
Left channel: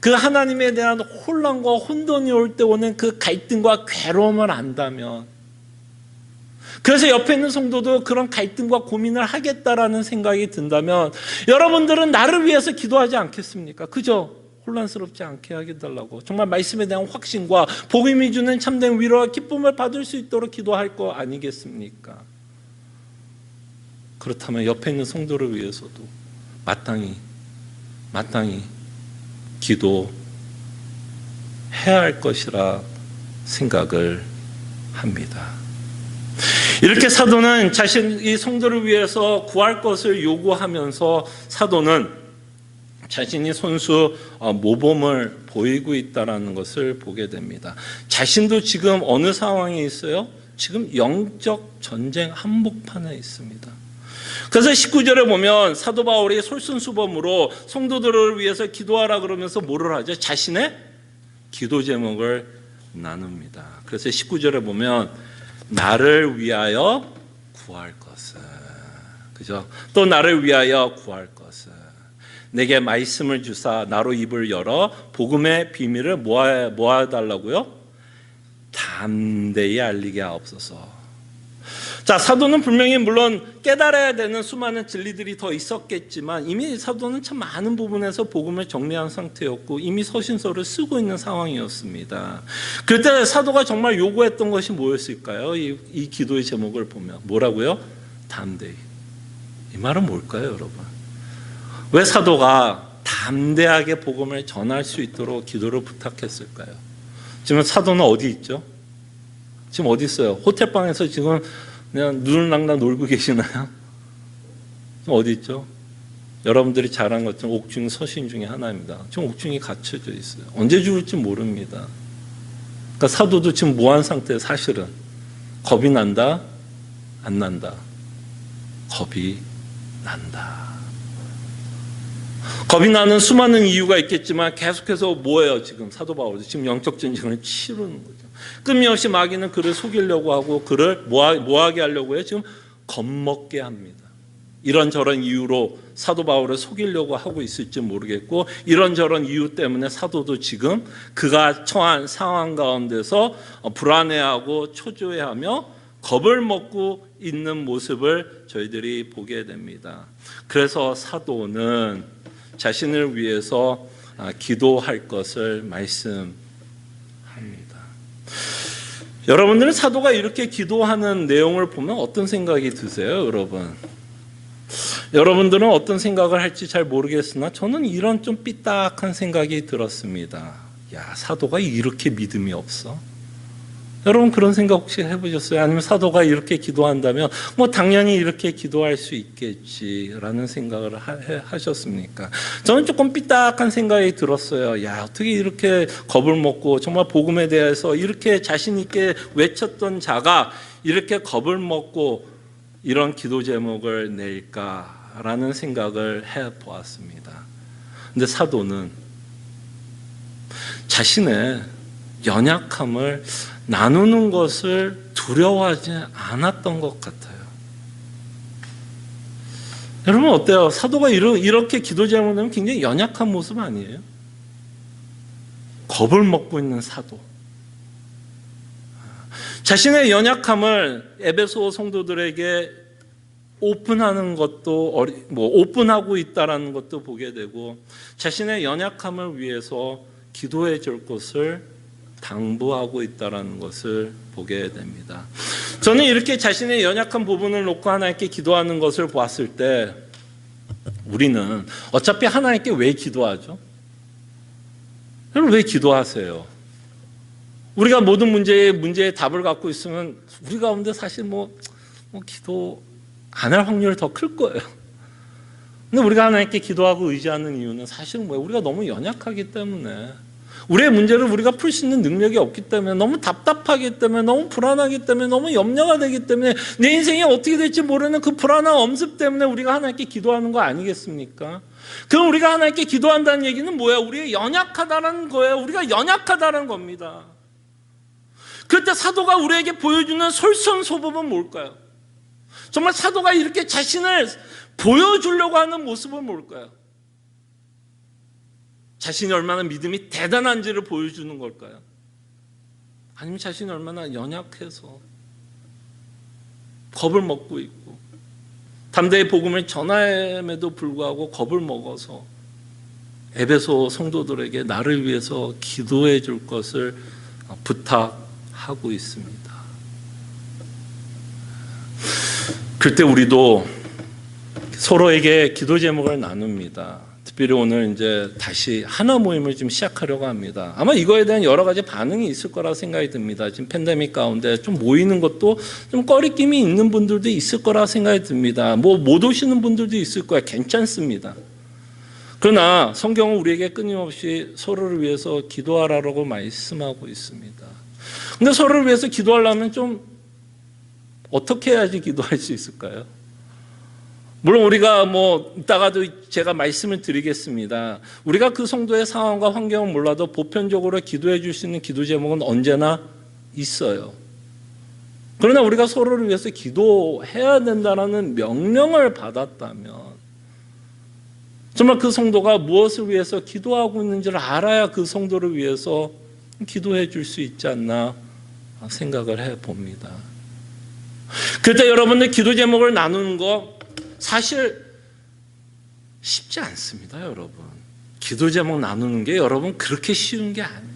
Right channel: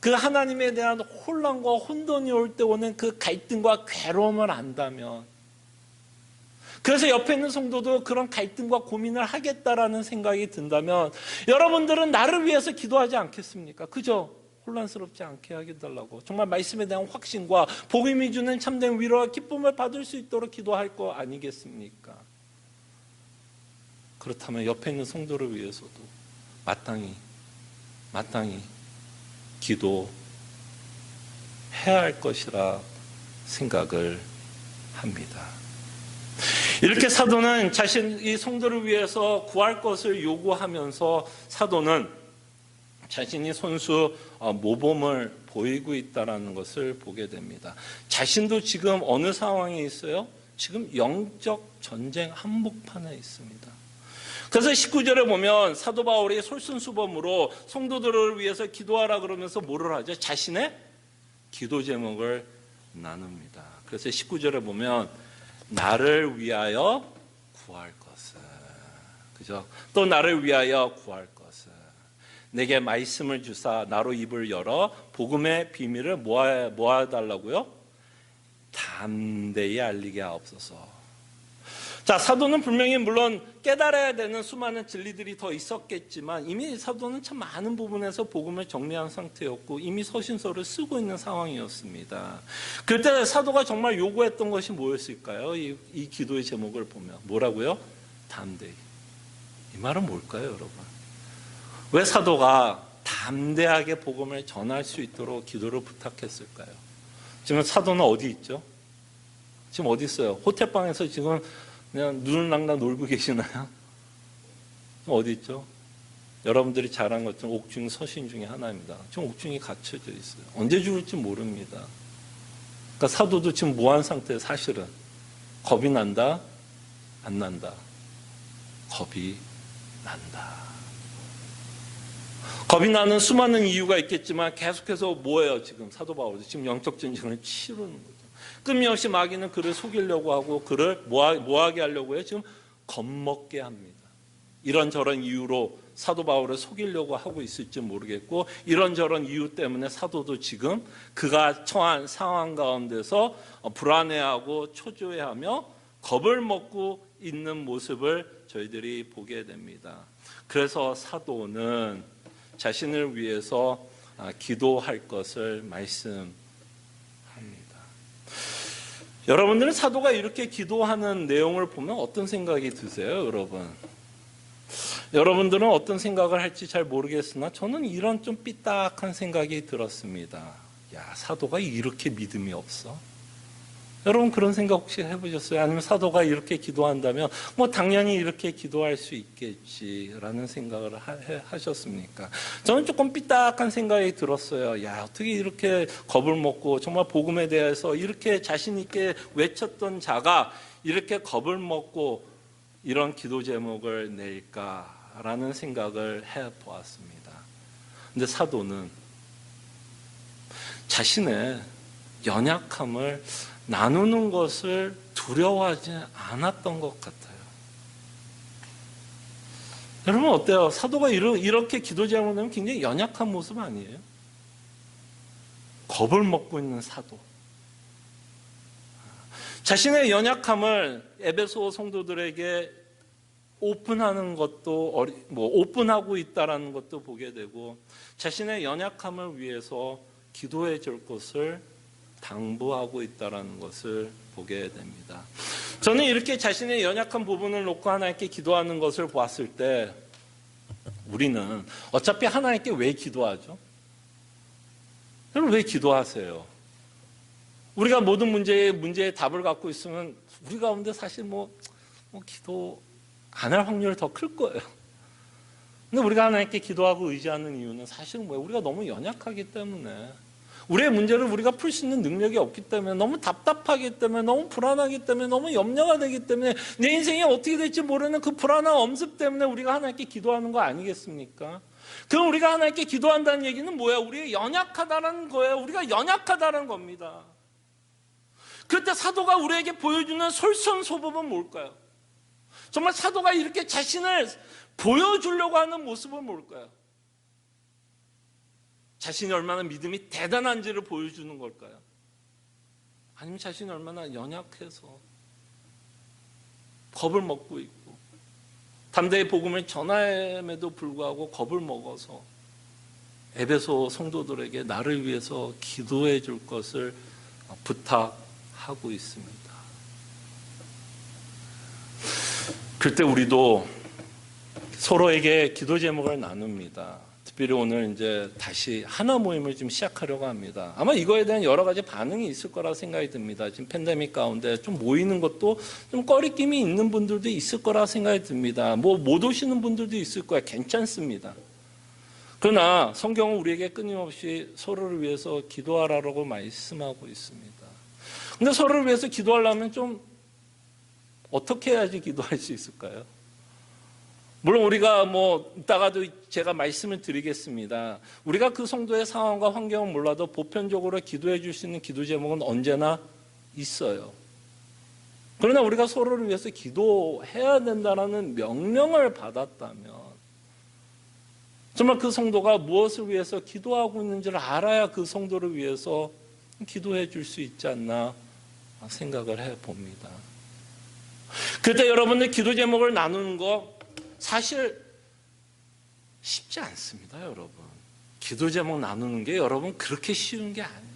그 하나님에 대한 혼란과 혼돈이 올 때 오는 그 갈등과 괴로움을 안다면, 그래서 옆에 있는 성도도 그런 갈등과 고민을 하겠다라는 생각이 든다면 여러분들은 나를 위해서 기도하지 않겠습니까? 그죠? 혼란스럽지 않게 하겠달라고 정말 말씀에 대한 확신과 복음이 주는 참된 위로와 기쁨을 받을 수 있도록 기도할 거 아니겠습니까? 그렇다면 옆에 있는 성도를 위해서도 마땅히 기도해야 할 것이라 생각을 합니다. 이렇게 사도는 자신이 성도를 위해서 구할 것을 요구하면서 사도는 자신이 손수 모범을 보이고 있다는 것을 보게 됩니다. 자신도 지금 어느 상황에 있어요? 지금 영적 전쟁 한복판에 있습니다. 그래서 19절에 보면 사도 바울이 솔선수범으로 성도들을 위해서 기도하라 그러면서 뭐를 하죠? 자신의 기도 제목을 나눕니다. 그래서 19절에 보면 나를 위하여 구할 것은, 그죠? 또 나를 위하여 구할 것은 내게 말씀을 주사 나로 입을 열어 복음의 비밀을 모아달라고요? 담대히 알리게 하옵소서. 자, 사도는 분명히 물론 깨달아야 되는 수많은 진리들이 더 있었겠지만 이미 사도는 참 많은 부분에서 복음을 정리한 상태였고 이미 서신서를 쓰고 있는 상황이었습니다. 그때 사도가 정말 요구했던 것이 뭐였을까요? 이 기도의 제목을 보면 뭐라고요? 담대히. 이 말은 뭘까요, 여러분? 왜 사도가 담대하게 복음을 전할 수 있도록 기도를 부탁했을까요? 지금 사도는 어디 있죠? 지금 어디 있어요? 호텔방에서 지금 그냥 눈을 낭낭 놀고 계시나요? 지금 어디 있죠? 여러분들이 잘 아는 것처럼 옥중 서신 중에 하나입니다. 지금 옥중이 갇혀져 있어요. 언제 죽을지 모릅니다. 그러니까 사도도 지금 무한 상태에 사실은 겁이 난다? 안 난다? 겁이 난다. 겁이 나는 수많은 이유가 있겠지만 계속해서 뭐예요? 지금 사도 바울도 지금 영적 전쟁을 치르는 거죠. 끊임없이 마귀는 그를 속이려고 하고 그를 뭐하게 하려고 해요? 지금 겁먹게 합니다. 이런저런 이유로 사도 바울을 속이려고 하고 있을지 모르겠고, 이런저런 이유 때문에 사도도 지금 그가 처한 상황 가운데서 불안해하고 초조해하며 겁을 먹고 있는 모습을 저희들이 보게 됩니다. 그래서 사도는 자신을 위해서 기도할 것을 말씀합니다. 여러분들은 사도가 이렇게 기도하는 내용을 보면 어떤 생각이 드세요, 여러분? 여러분들은 어떤 생각을 할지 잘 모르겠으나 저는 이런 좀 삐딱한 생각이 들었습니다. 야, 사도가 이렇게 믿음이 없어? 여러분 그런 생각 혹시 해보셨어요? 아니면 사도가 이렇게 기도한다면 뭐 당연히 이렇게 기도할 수 있겠지라는 생각을 하셨습니까? 저는 조금 삐딱한 생각이 들었어요. 야, 어떻게 이렇게 겁을 먹고 정말 복음에 대해서 이렇게 자신 있게 외쳤던 자가 이렇게 겁을 먹고 이런 기도 제목을 낼까라는 생각을 해보았습니다. 근데 사도는 자신의 연약함을 나누는 것을 두려워하지 않았던 것 같아요. 여러분 어때요? 사도가 이렇게 기도 제목을 내면 굉장히 연약한 모습 아니에요? 겁을 먹고 있는 사도. 자신의 연약함을 에베소 성도들에게 오픈하는 것도 오픈하고 있다라는 것도 보게 되고, 자신의 연약함을 위해서 기도해 줄 것을 당부하고 있다라는 것을 보게 됩니다. 저는 이렇게 자신의 연약한 부분을 놓고 하나님께 기도하는 것을 보았을 때, 우리는 어차피 하나님께 왜 기도하죠? 여러분 왜 기도하세요? 우리가 모든 문제에 답을 갖고 있으면 우리 가운데 사실 기도 안 할 확률이 더 클 거예요. 근데 우리가 하나님께 기도하고 의지하는 이유는 사실은 뭐예요? 우리가 너무 연약하기 때문에, 우리의 문제를 우리가 풀 수 있는 능력이 없기 때문에, 너무 답답하기 때문에, 너무 불안하기 때문에, 너무 염려가 되기 때문에, 내 인생이 어떻게 될지 모르는 그 불안한 엄습 때문에 우리가 하나님께 기도하는 거 아니겠습니까? 그럼 우리가 하나님께 기도한다는 얘기는 뭐예요? 우리가 연약하다는 거예요. 우리가 연약하다는 겁니다. 그때 사도가 우리에게 보여주는 솔선수범은 뭘까요? 정말 사도가 이렇게 자신을 보여주려고 하는 모습은 뭘까요? 자신이 얼마나 믿음이 대단한지를 보여주는 걸까요? 아니면 자신이 얼마나 연약해서 겁을 먹고 있고 담대히 복음을 전함에도 불구하고 겁을 먹어서 에베소 성도들에게 나를 위해서 기도해 줄 것을 부탁하고 있습니다. 그때 우리도 서로에게 기도 제목을 나눕니다. 특별히 오늘 이제 다시 하나 모임을 좀 시작하려고 합니다. 아마 이거에 대한 여러 가지 반응이 있을 거라 생각이 듭니다. 지금 팬데믹 가운데 좀 모이는 것도 좀 꺼리낌이 있는 분들도 있을 거라 생각이 듭니다. 못 오시는 분들도 있을 거야. 괜찮습니다. 그러나 성경은 우리에게 끊임없이 서로를 위해서 기도하라고 말씀하고 있습니다. 근데 서로를 위해서 기도하려면 좀 어떻게 해야지 기도할 수 있을까요? 물론 우리가 이따가도 제가 말씀을 드리겠습니다. 우리가 그 성도의 상황과 환경은 몰라도 보편적으로 기도해 줄 수 있는 기도 제목은 언제나 있어요. 그러나 우리가 서로를 위해서 기도해야 된다는 명령을 받았다면 정말 그 성도가 무엇을 위해서 기도하고 있는지를 알아야 그 성도를 위해서 기도해 줄 수 있지 않나 생각을 해봅니다. 그때 여러분들 기도 제목을 나누는 거 사실 쉽지 않습니다, 여러분. 기도 제목 나누는 게 여러분 그렇게 쉬운 게 아니에요.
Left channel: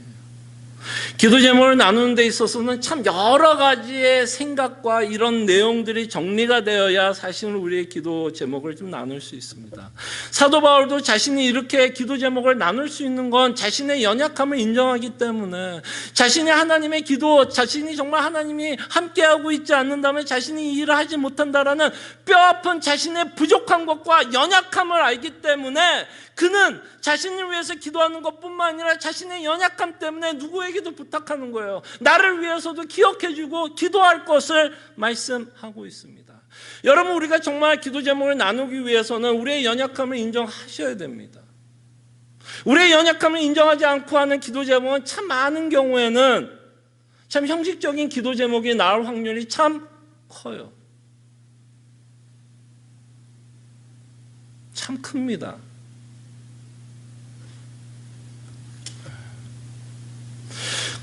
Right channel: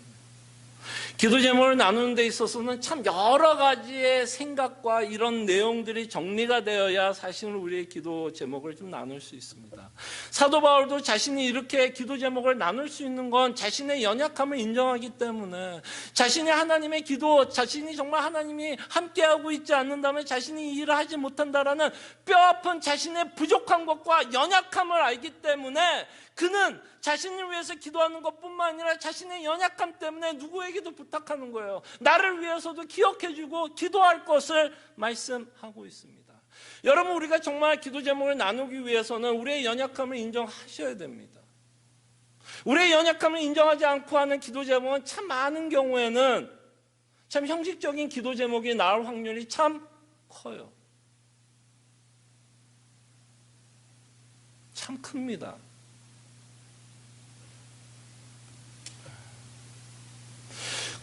기도 제목을 나누는 데 있어서는 참 여러 가지의 생각과 이런 내용들이 정리가 되어야 사실은 우리의 기도 제목을 좀 나눌 수 있습니다. 사도 바울도 자신이 이렇게 기도 제목을 나눌 수 있는 건 자신의 연약함을 인정하기 때문에, 자신이 하나님의 기도, 자신이 정말 하나님이 함께하고 있지 않는다면 자신이 이 일을 하지 못한다라는 뼈아픈 자신의 부족한 것과 연약함을 알기 때문에 그는 자신을 위해서 기도하는 것뿐만 아니라 자신의 연약함 때문에 누구에게도 부탁하는 거예요. 나를 위해서도 기억해주고 기도할 것을 말씀하고 있습니다. 여러분, 우리가 정말 기도 제목을 나누기 위해서는 우리의 연약함을 인정하셔야 됩니다. 우리의 연약함을 인정하지 않고 하는 기도 제목은 참 많은 경우에는 참 형식적인 기도 제목이 나올 확률이 참 커요. 참 큽니다.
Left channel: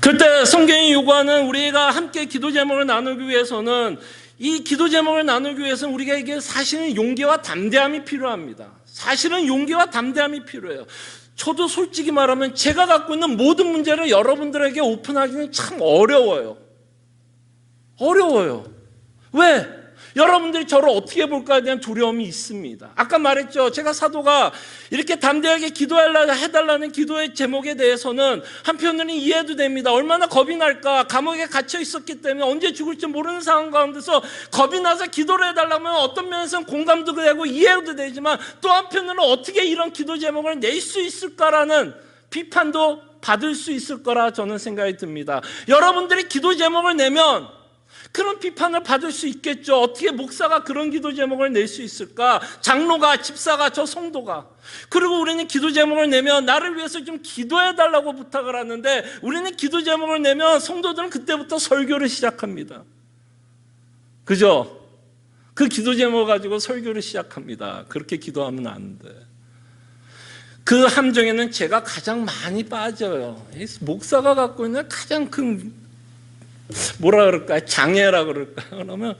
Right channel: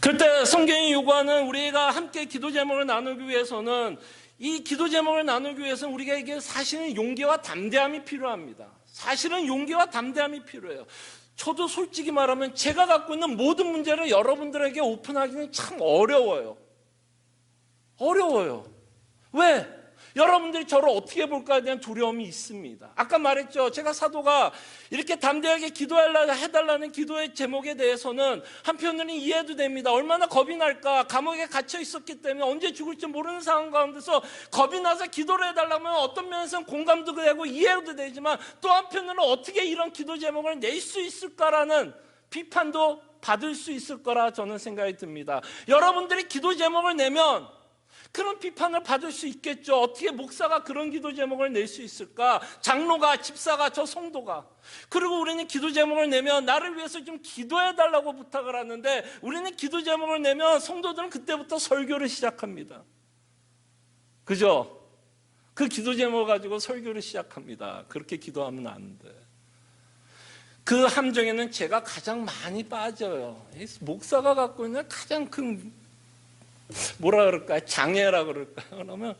그때 성경이 요구하는 우리가 함께 기도 제목을 나누기 위해서는, 이 기도 제목을 나누기 위해서는 우리에게 사실은 용기와 담대함이 필요합니다. 사실은 용기와 담대함이 필요해요. 저도 솔직히 말하면 제가 갖고 있는 모든 문제를 여러분들에게 오픈하기는 참 어려워요. 왜? 여러분들이 저를 어떻게 볼까에 대한 두려움이 있습니다. 아까 말했죠. 제가 사도가 이렇게 담대하게 해달라는 기도의 제목에 대해서는 한편으로는 이해도 됩니다. 얼마나 겁이 날까. 감옥에 갇혀 있었기 때문에 언제 죽을지 모르는 상황 가운데서 겁이 나서 기도를 해달라면 어떤 면에서는 공감도 되고 이해도 되지만, 또 한편으로는 어떻게 이런 기도 제목을 낼 수 있을까라는 비판도 받을 수 있을 거라 저는 생각이 듭니다. 여러분들이 기도 제목을 내면 그런 비판을 받을 수 있겠죠. 어떻게 목사가 그런 기도 제목을 낼 수 있을까? 장로가, 집사가, 저 성도가. 그리고 우리는 기도 제목을 내면 나를 위해서 좀 기도해달라고 부탁을 하는데, 우리는 기도 제목을 내면 성도들은 그때부터 설교를 시작합니다. 그죠? 그 기도 제목 가지고 설교를 시작합니다. 그렇게 기도하면 안 돼. 그 함정에는 제가 가장 많이 빠져요. 목사가 갖고 있는 가장 큰 뭐라 그럴까요? 장애라 그럴까요? 그러면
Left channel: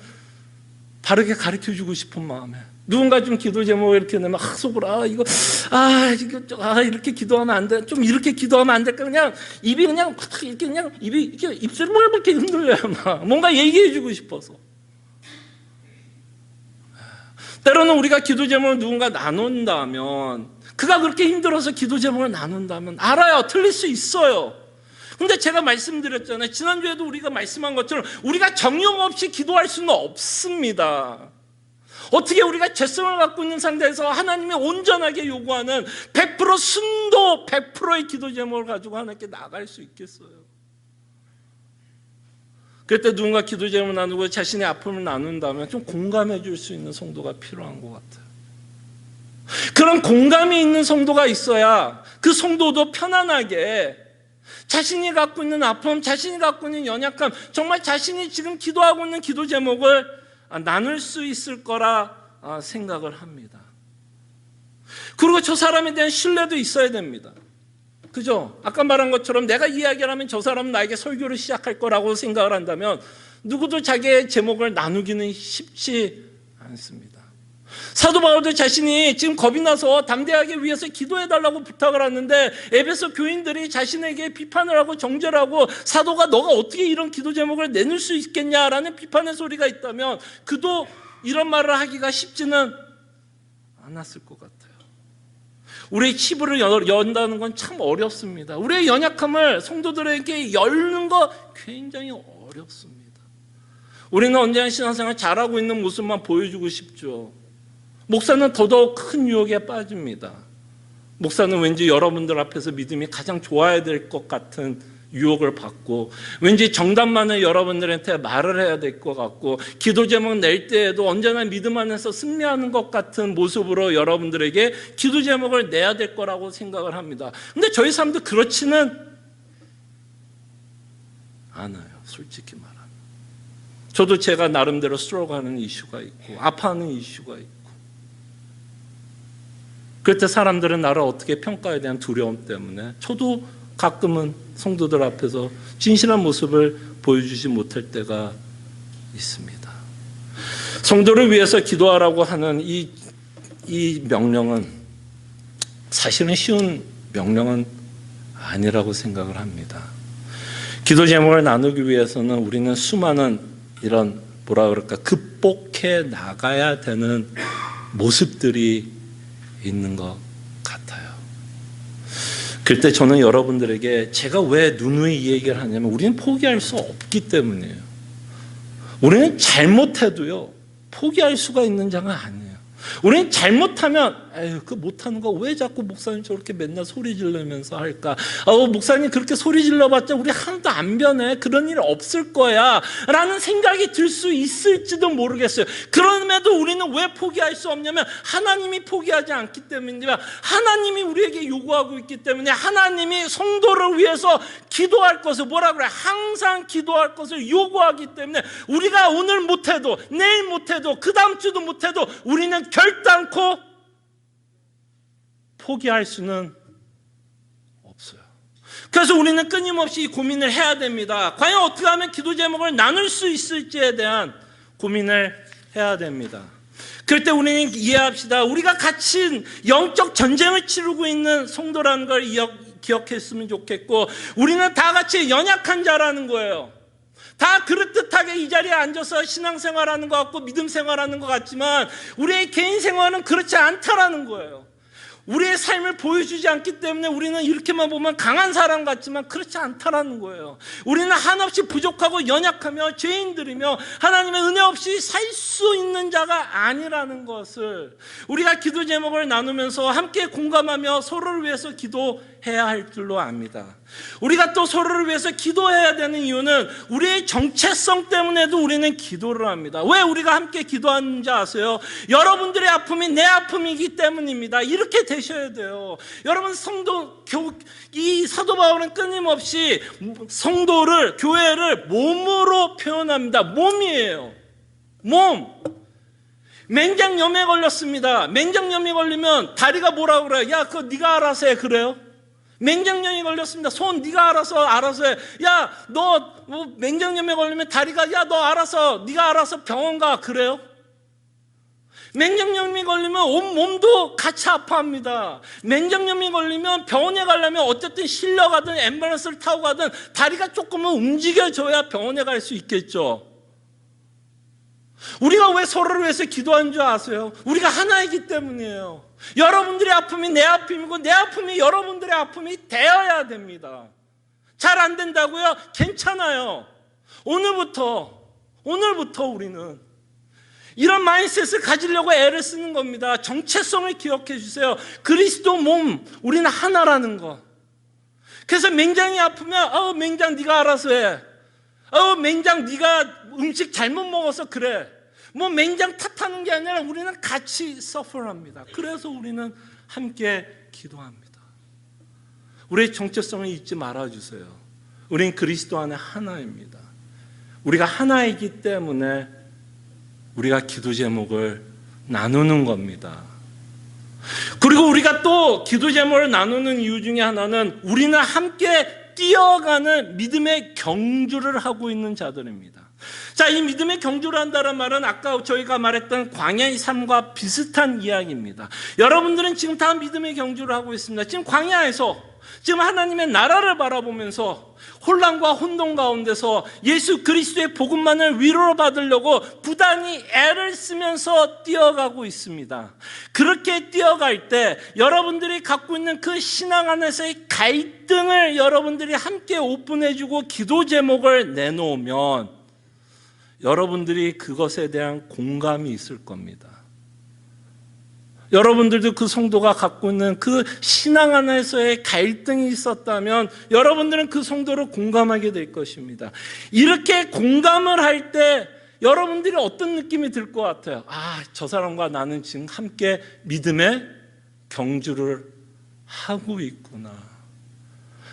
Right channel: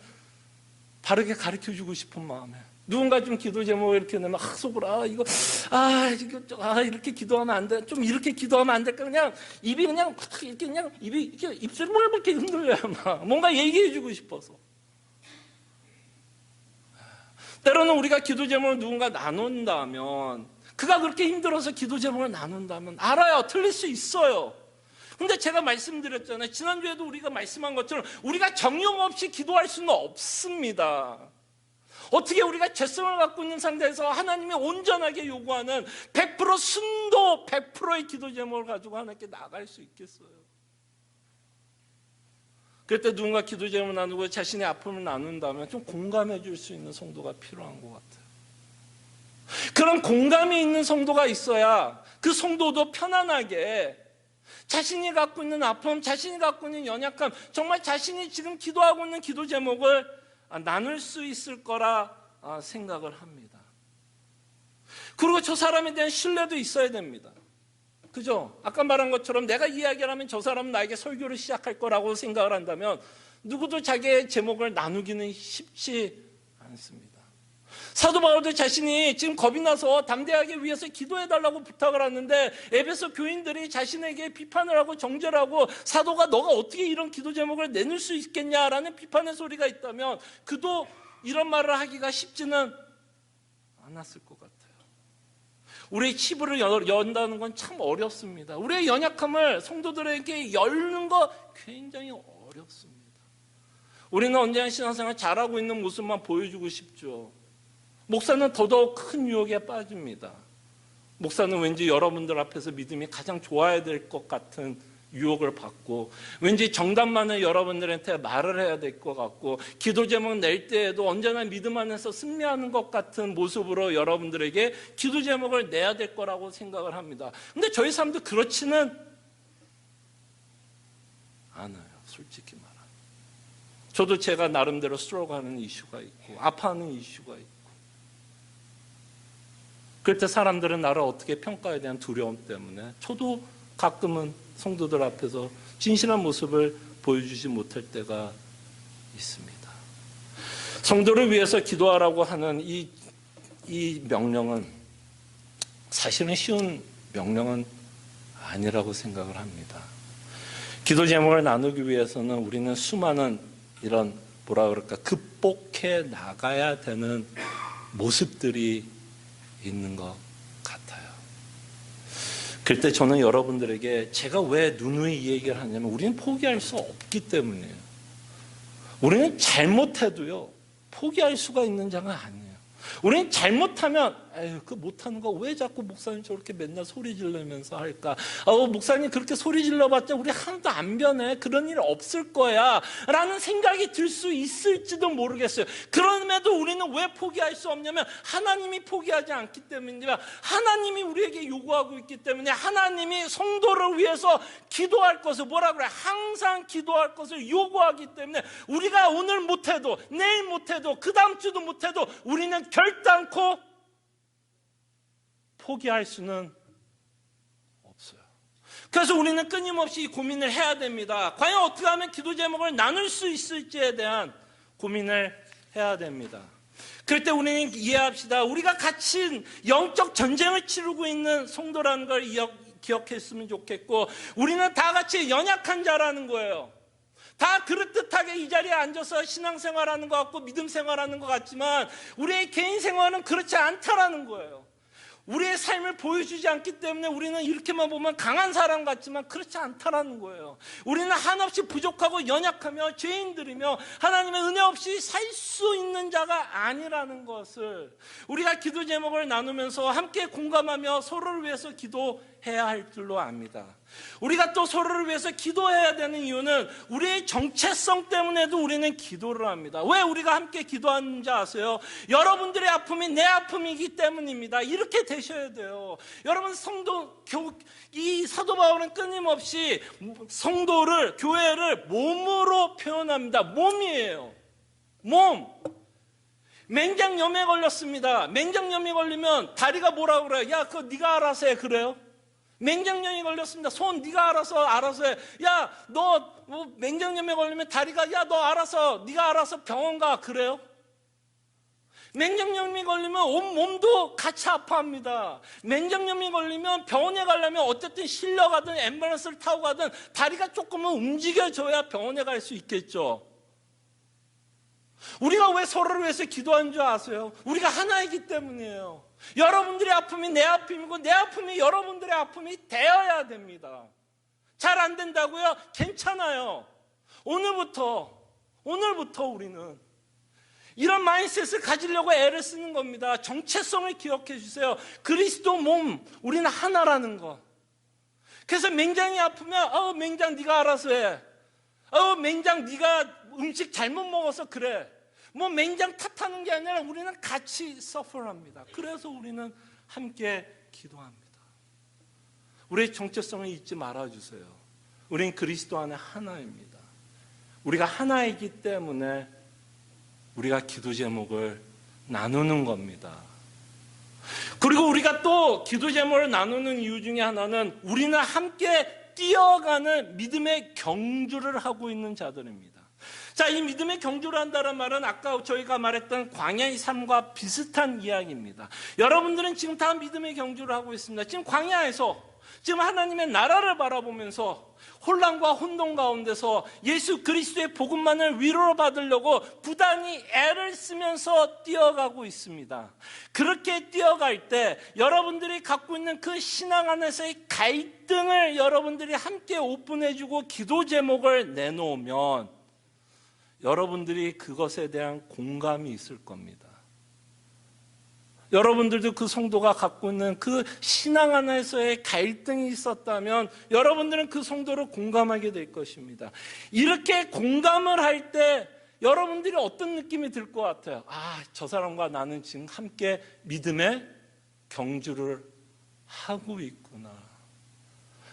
바르게 가르쳐주고 싶은 마음에, 누군가 좀 기도 제목을 이렇게 내면 속으로 이렇게 기도하면 안 돼. 좀 이렇게 기도하면 안 될까? 그냥 입이 그냥 입이 이렇게 입술을 이렇게 흔들려요. 뭔가 얘기해주고 싶어서. 때로는 우리가 기도 제목을 누군가 나눈다면, 그가 그렇게 힘들어서 기도 제목을 나눈다면 알아요. 틀릴 수 있어요. 근데 제가 말씀드렸잖아요. 지난주에도 우리가 말씀한 것처럼 우리가 정령 없이 기도할 수는 없습니다. 어떻게 우리가 죄성을 갖고 있는 상태에서 하나님이 온전하게 요구하는 100% 순도 100%의 기도 제목을 가지고 하나님께 나갈 수 있겠어요? 그때 누군가 기도 제목을 나누고 자신의 아픔을 나눈다면 좀 공감해 줄 수 있는 성도가 필요한 것 같아요. 그런 공감이 있는 성도가 있어야 그 성도도 편안하게 자신이 갖고 있는 아픔, 자신이 갖고 있는 연약함, 정말 자신이 지금 기도하고 있는 기도 제목을 나눌 수 있을 거라 생각을 합니다. 그리고 저 사람에 대한 신뢰도 있어야 됩니다. 그죠? 아까 말한 것처럼 내가 이야기를 하면 저 사람은 나에게 설교를 시작할 거라고 생각을 한다면 누구도 자기의 제목을 나누기는 쉽지 않습니다. 사도 바울도 자신이 지금 겁이 나서 담대하게 위해서 기도해달라고 부탁을 하는데, 에베소 교인들이 자신에게 비판을 하고 정죄를 하고, 사도가 너가 어떻게 이런 기도 제목을 내놓을 수 있겠냐라는 비판의 소리가 있다면 그도 이런 말을 하기가 쉽지는 않았을 것 같아요. 우리의 치부를 연다는 건 참 어렵습니다. 우리의 연약함을 성도들에게 열는 거 굉장히 어렵습니다. 우리는 언제나 신앙생활 잘하고 있는 모습만 보여주고 싶죠. 목사는 더더욱 큰 유혹에 빠집니다. 목사는 왠지 여러분들 앞에서 믿음이 가장 좋아야 될 것 같은 유혹을 받고, 왠지 정답만을 여러분들한테 말을 해야 될 것 같고, 기도 제목 낼 때에도 언제나 믿음 안에서 승리하는 것 같은 모습으로 여러분들에게 기도 제목을 내야 될 거라고 생각을 합니다. 근데 저희 삶도 그렇지는 않아요. 솔직히 말하면. 저도 제가 나름대로 스트로그하는 이슈가 있고 아파하는 이슈가 있고, 그때 사람들은 나를 어떻게 평가에 대한 두려움 때문에 저도 가끔은 성도들 앞에서 진실한 모습을 보여주지 못할 때가 있습니다. 성도를 위해서 기도하라고 하는 이 명령은 사실은 쉬운 명령은 아니라고 생각을 합니다. 기도 제목을 나누기 위해서는 우리는 수많은 이런 극복해 나가야 되는 모습들이 있는 것 같아요. 그때 저는 여러분들에게 제가 왜 누누이 이 얘기를 하냐면, 우리는 포기할 수 없기 때문이에요. 우리는 잘못해도요 포기할 수가 있는 자가 아니에요. 우리는 잘못하면 그 못하는 거 왜 자꾸 목사님 저렇게 맨날 소리 지르면서 할까? 목사님 그렇게 소리 질러봤자 우리 하나도 안 변해. 그런 일 없을 거야 라는 생각이 들 수 있을지도 모르겠어요. 그럼에도 우리는 왜 포기할 수 없냐면, 하나님이 포기하지 않기 때문입니다. 하나님이 우리에게 요구하고 있기 때문에, 하나님이 성도를 위해서 기도할 것을 항상 기도할 것을 요구하기 때문에, 우리가 오늘 못해도 내일 못해도 그 다음 주도 못해도 우리는 결단코 포기할 수는 없어요. 그래서 우리는 끊임없이 고민을 해야 됩니다. 과연 어떻게 하면 기도 제목을 나눌 수 있을지에 대한 고민을 해야 됩니다. 그럴 때 우리는 이해합시다. 우리가 같이 영적 전쟁을 치르고 있는 성도라는 걸 기억했으면 좋겠고, 우리는 다 같이 연약한 자라는 거예요. 다 그릇듯하게 이 자리에 앉아서 신앙생활하는 것 같고 믿음 생활하는 것 같지만 우리의 개인 생활은 그렇지 않다라는 거예요. 우리의 삶을 보여주지 않기 때문에 우리는 이렇게만 보면 강한 사람 같지만 그렇지 않다라는 거예요. 우리는 한없이 부족하고 연약하며 죄인들이며 하나님의 은혜 없이 살 수 있는 자가 아니라는 것을 우리가 기도 제목을 나누면서 함께 공감하며 서로를 위해서 기도해야 할 줄로 압니다. 우리가 또 서로를 위해서 기도해야 되는 이유는 우리의 정체성 때문에도 우리는 기도를 합니다. 왜 우리가 함께 기도하는지 아세요? 여러분들의 아픔이 내 아픔이기 때문입니다. 이렇게 되셔야 돼요. 여러분, 이 사도 바울은 끊임없이 성도를, 교회를 몸으로 표현합니다. 몸이에요. 몸. 맹장염에 걸렸습니다. 맹장염이 걸리면 다리가 뭐라고 그래요? 야, 그거 네가 알아서 해. 그래요? 맹장염이 걸렸습니다. 손 네가 알아서 해. 야, 너 맹장염에 걸리면 다리가, 야, 너 네가 알아서 병원 가. 그래요? 맹장염이 걸리면 온 몸도 같이 아파합니다. 맹장염이 걸리면 병원에 가려면 어쨌든 실려가든 앰뷸런스를 타고 가든 다리가 조금은 움직여줘야 병원에 갈 수 있겠죠. 우리가 왜 서로를 위해서 기도하는 줄 아세요? 우리가 하나이기 때문이에요. 여러분들의 아픔이 내 아픔이고 내 아픔이 여러분들의 아픔이 되어야 됩니다. 잘 안 된다고요? 괜찮아요. 오늘부터 우리는 이런 마인드셋을 가지려고 애를 쓰는 겁니다. 정체성을 기억해 주세요. 그리스도 몸, 우리는 하나라는 거. 그래서 맹장이 아프면 맹장 네가 알아서 해. 맹장 네가 음식 잘못 먹어서 그래. 뭐 맹장 탓하는 게 아니라 우리는 같이 서퍼합니다. 그래서 우리는 함께 기도합니다. 우리의 정체성을 잊지 말아주세요. 우리는 그리스도 안에 하나입니다. 우리가 하나이기 때문에 우리가 기도 제목을 나누는 겁니다. 그리고 우리가 또 기도 제목을 나누는 이유 중에 하나는 우리는 함께 뛰어가는 믿음의 경주를 하고 있는 자들입니다. 자, 이 믿음의 경주를 한다는 말은 아까 저희가 말했던 광야의 삶과 비슷한 이야기입니다. 여러분들은 지금 다 믿음의 경주를 하고 있습니다. 지금 광야에서 지금 하나님의 나라를 바라보면서 혼란과 혼돈 가운데서 예수 그리스도의 복음만을 위로로 받으려고 부단히 애를 쓰면서 뛰어가고 있습니다. 그렇게 뛰어갈 때 여러분들이 갖고 있는 그 신앙 안에서의 갈등을 여러분들이 함께 오픈해주고 기도 제목을 내놓으면 여러분들이 그것에 대한 공감이 있을 겁니다. 여러분들도 그 성도가 갖고 있는 그 신앙 안에서의 갈등이 있었다면 여러분들은 그 성도를 공감하게 될 것입니다. 이렇게 공감을 할 때 여러분들이 어떤 느낌이 들 것 같아요? 저 사람과 나는 지금 함께 믿음의 경주를 하고 있구나.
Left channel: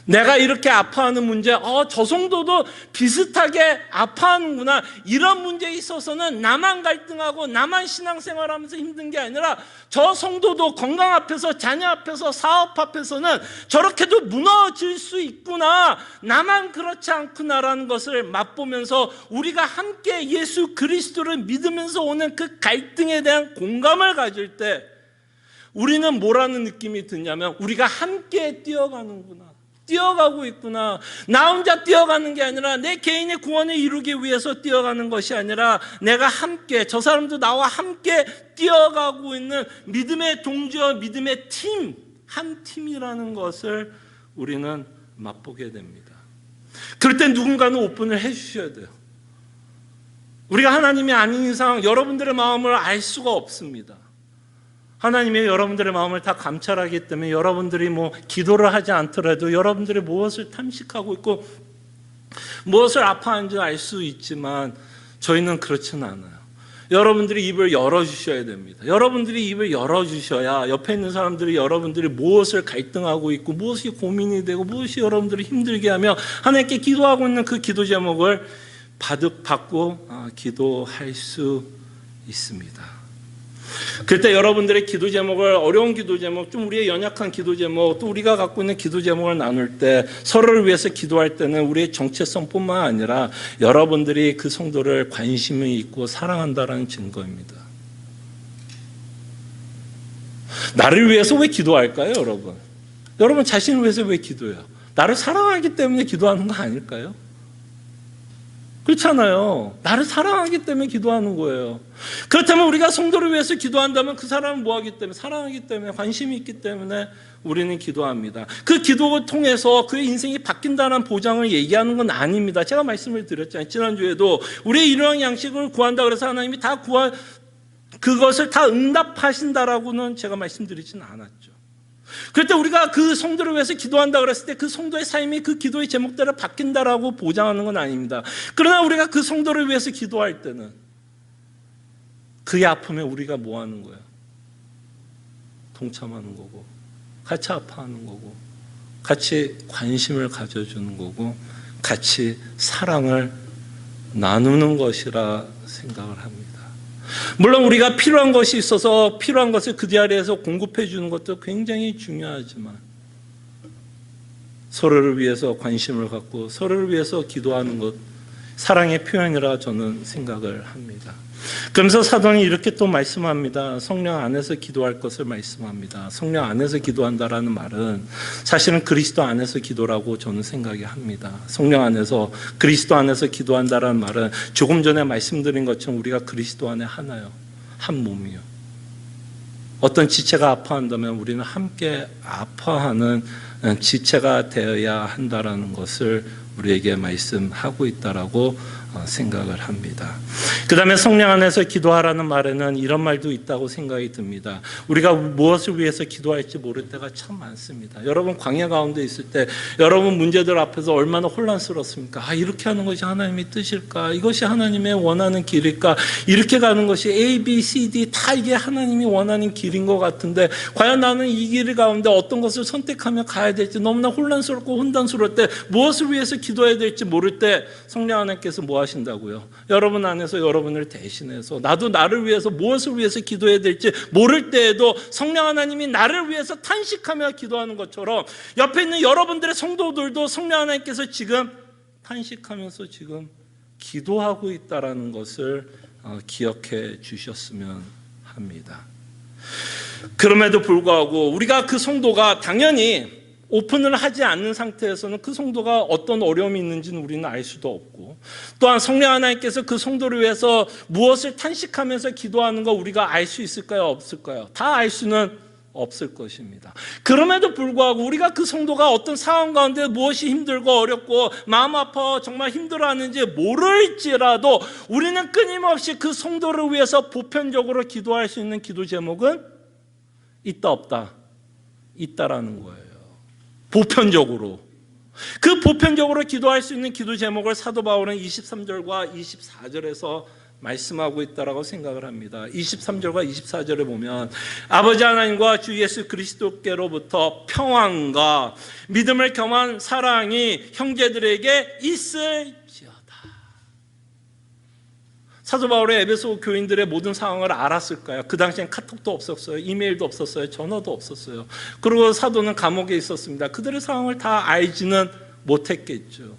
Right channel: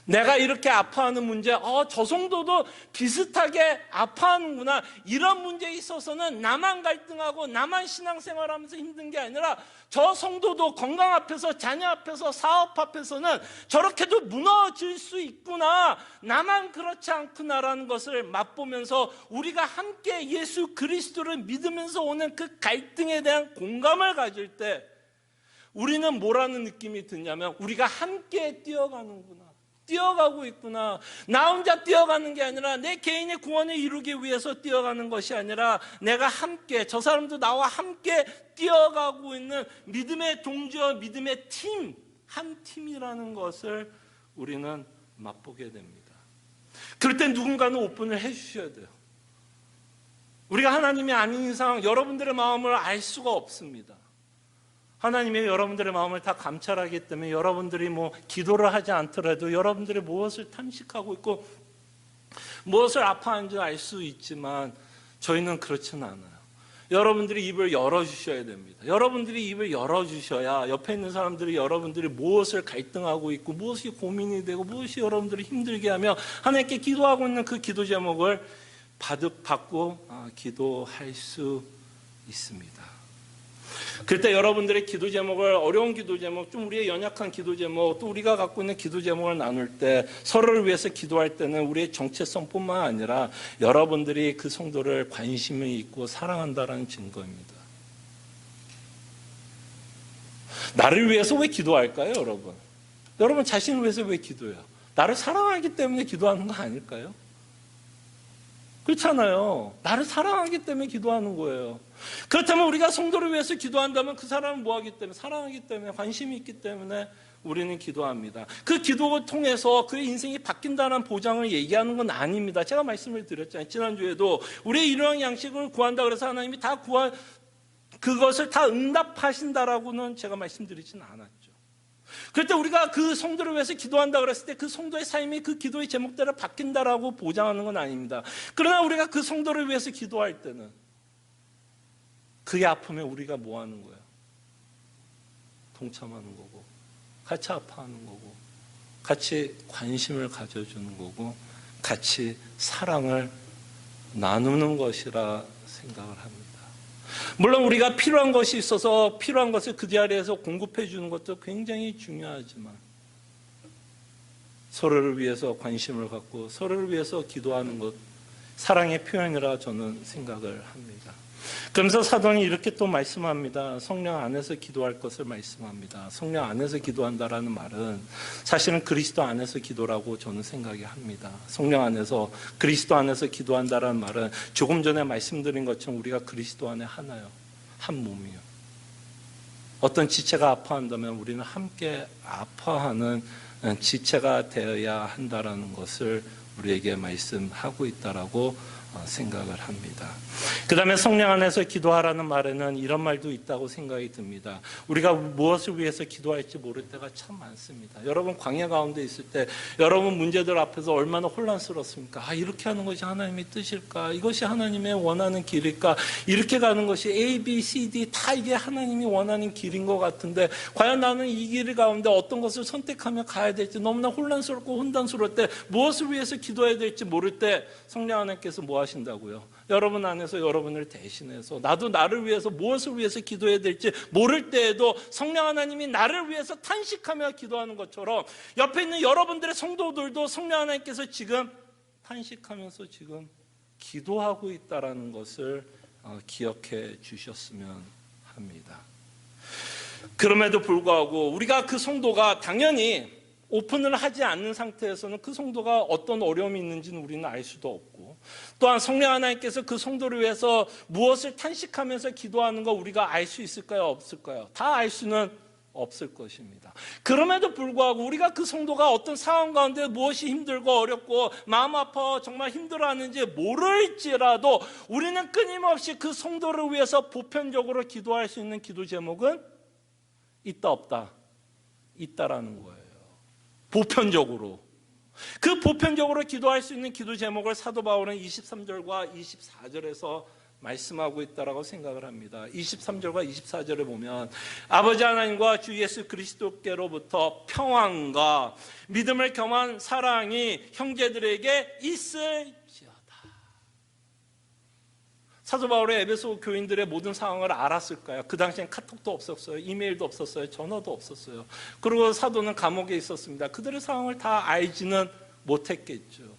내가 이렇게 아파하는 문제, 저 성도도 비슷하게 아파하는구나. 이런 문제에 있어서는 나만 갈등하고 나만 신앙생활하면서 힘든 게 아니라 저 성도도 건강 앞에서, 자녀 앞에서, 사업 앞에서는 저렇게도 무너질 수 있구나. 나만 그렇지 않구나라는 것을 맛보면서 우리가 함께 예수 그리스도를 믿으면서 오는 그 갈등에 대한 공감을 가질 때 우리는 뭐라는 느낌이 드냐면 우리가 함께 뛰어가는구나. 뛰어가고 있구나. 나 혼자 뛰어가는 게 아니라 내 개인의 구원을 이루기 위해서 뛰어가는 것이 아니라 내가 함께, 저 사람도 나와 함께 뛰어가고 있는 믿음의 동지와 믿음의 팀, 한 팀이라는 것을 우리는 맛보게 됩니다. 그럴 때 누군가는 오픈을 해 주셔야 돼요. 우리가 하나님이 아닌 이상 여러분들의 마음을 알 수가 없습니다. 하나님이 여러분들의 마음을 다 감찰하기 때문에 여러분들이 기도를 하지 않더라도 여러분들이 무엇을 탐식하고 있고 무엇을 아파하는지 알 수 있지만 저희는 그렇지는 않아요. 여러분들이 입을 열어주셔야 됩니다. 여러분들이 입을 열어주셔야 옆에 있는 사람들이 여러분들이 무엇을 갈등하고 있고 무엇이 고민이 되고 무엇이 여러분들이 힘들게 하며 하나님께 기도하고 있는 그 기도 제목을 받고 기도할 수 있습니다. 그때 여러분들의 기도 제목을, 어려운 기도 제목, 좀 우리의 연약한 기도 제목, 또 우리가 갖고 있는 기도 제목을 나눌 때, 서로를 위해서 기도할 때는 우리의 정체성뿐만 아니라 여러분들이 그 성도를 관심이 있고 사랑한다는 증거입니다. 나를 위해서 왜 기도할까요, 여러분? 여러분 자신을 위해서 왜 기도해요? 나를 사랑하기 때문에 기도하는 거 아닐까요? 그렇잖아요. 나를 사랑하기 때문에 기도하는 거예요. 그렇다면 우리가 성도를 위해서 기도한다면 그 사람은 뭐하기 때문에? 사랑하기 때문에, 관심이 있기 때문에 우리는 기도합니다. 그 기도를 통해서 그의 인생이 바뀐다는 보장을 얘기하는 건 아닙니다. 제가 말씀을 드렸잖아요. 지난주에도 우리의 일용할 양식을 구한다 그래서 하나님이 다 그것을 다 응답하신다라고는 제가 말씀드리진 않았죠. 그럴 때 우리가 그 성도를 위해서 기도한다 그랬을 때 그 성도의 삶이 그 기도의 제목대로 바뀐다라고 보장하는 건 아닙니다. 그러나 우리가 그 성도를 위해서 기도할 때는 그의 아픔에 우리가 뭐 하는 거야? 동참하는 거고, 같이 아파하는 거고, 같이 관심을 가져주는 거고, 같이 사랑을 나누는 것이라 생각을 합니다. 물론 우리가 필요한 것이 있어서 필요한 것을 그 자리에서 공급해 주는 것도 굉장히 중요하지만 서로를 위해서 관심을 갖고 서로를 위해서 기도하는 것, 사랑의 표현이라 저는 생각을 합니다. 그러면서 사도는 이렇게 또 말씀합니다. 성령 안에서 기도할 것을 말씀합니다. 성령 안에서 기도한다라는 말은 사실은 그리스도 안에서 기도라고 저는 생각이 합니다. 성령 안에서, 그리스도 안에서 기도한다라는 말은 조금 전에 말씀드린 것처럼 우리가 그리스도 안에 하나요, 한 몸이요. 어떤 지체가 아파한다면 우리는 함께 아파하는 지체가 되어야 한다라는 것을 우리에게 말씀하고 있다라고 생각을 합니다. 그 다음에 성령 안에서 기도하라는 말에는 이런 말도 있다고 생각이 듭니다. 우리가 무엇을 위해서 기도할지 모를 때가 참 많습니다. 여러분 광야 가운데 있을 때 여러분 문제들 앞에서 얼마나 혼란스럽습니까? 이렇게 하는 것이 하나님의 뜻일까? 이것이 하나님의 원하는 길일까? 이렇게 가는 것이 A, B, C, D 다 이게 하나님이 원하는 길인 것 같은데 과연 나는 이 길 가운데 어떤 것을 선택하며 가야 될지 너무나 혼란스럽고 혼돈스러울 때, 무엇을 위해서 기도해야 될지 모를 때 성령 하나님께서 뭐 하신다고요? 여러분 안에서 여러분을 대신해서, 나도 나를 위해서 무엇을 위해서 기도해야 될지 모를 때에도 성령 하나님이 나를 위해서 탄식하며 기도하는 것처럼 옆에 있는 여러분들의 성도들도 성령 하나님께서 지금 탄식하면서 지금 기도하고 있다라는 것을 기억해 주셨으면 합니다. 그럼에도 불구하고 우리가 그 성도가 당연히 오픈을 하지 않는 상태에서는 그 성도가 어떤 어려움이 있는지는 우리는 알 수도 없고, 또한 성령 하나님께서 그 성도를 위해서 무엇을 탄식하면서 기도하는 거 우리가 알 수 있을까요? 없을까요? 다 알 수는 없을 것입니다. 그럼에도 불구하고 우리가 그 성도가 어떤 상황 가운데 무엇이 힘들고 어렵고 마음 아파 정말 힘들어하는지 모를지라도 우리는 끊임없이 그 성도를 위해서 보편적으로 기도할 수 있는 기도 제목은 있다 없다? 있다라는 거예요. 보편적으로. 그 보편적으로 기도할 수 있는 기도 제목을 사도 바울은 23절과 24절에서 말씀하고 있다라고 생각을 합니다. 23절과 24절에 보면 아버지 하나님과 주 예수 그리스도께로부터 평안과 믿음을 겸한 사랑이 형제들에게 있을지어다. 사도 바울의 에베소 교인들의 모든 상황을 알았을까요? 그 당시엔 카톡도 없었어요. 이메일도 없었어요. 전화도 없었어요. 그리고 사도는 감옥에 있었습니다. 그들의 상황을 다 알지는 못했겠죠.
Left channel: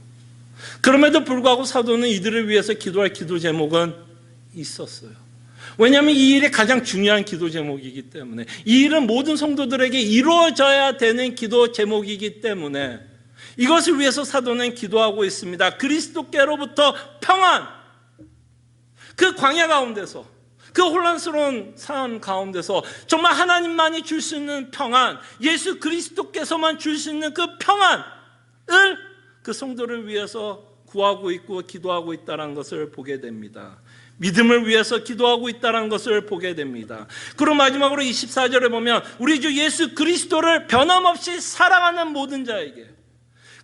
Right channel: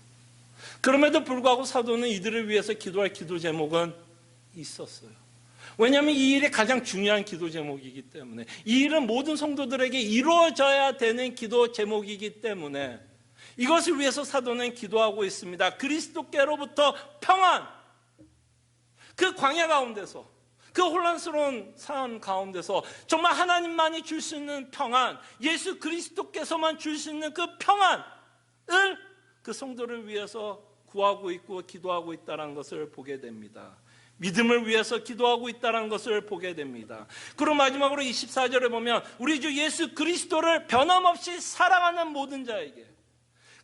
그럼에도 불구하고 사도는 이들을 위해서 기도할 기도 제목은 있었어요. 왜냐하면 이 일이 가장 중요한 기도 제목이기 때문에, 이 일은 모든 성도들에게 이루어져야 되는 기도 제목이기 때문에 이것을 위해서 사도는 기도하고 있습니다. 그리스도께로부터 평안, 그 광야 가운데서, 그 혼란스러운 삶 가운데서 정말 하나님만이 줄 수 있는 평안, 예수 그리스도께서만 줄 수 있는 그 평안을 그 성도를 위해서 구하고 있고 기도하고 있다는 것을 보게 됩니다. 믿음을 위해서 기도하고 있다는 것을 보게 됩니다. 그리고 마지막으로 24절에 보면 우리 주 예수 그리스도를 변함없이 사랑하는 모든 자에게,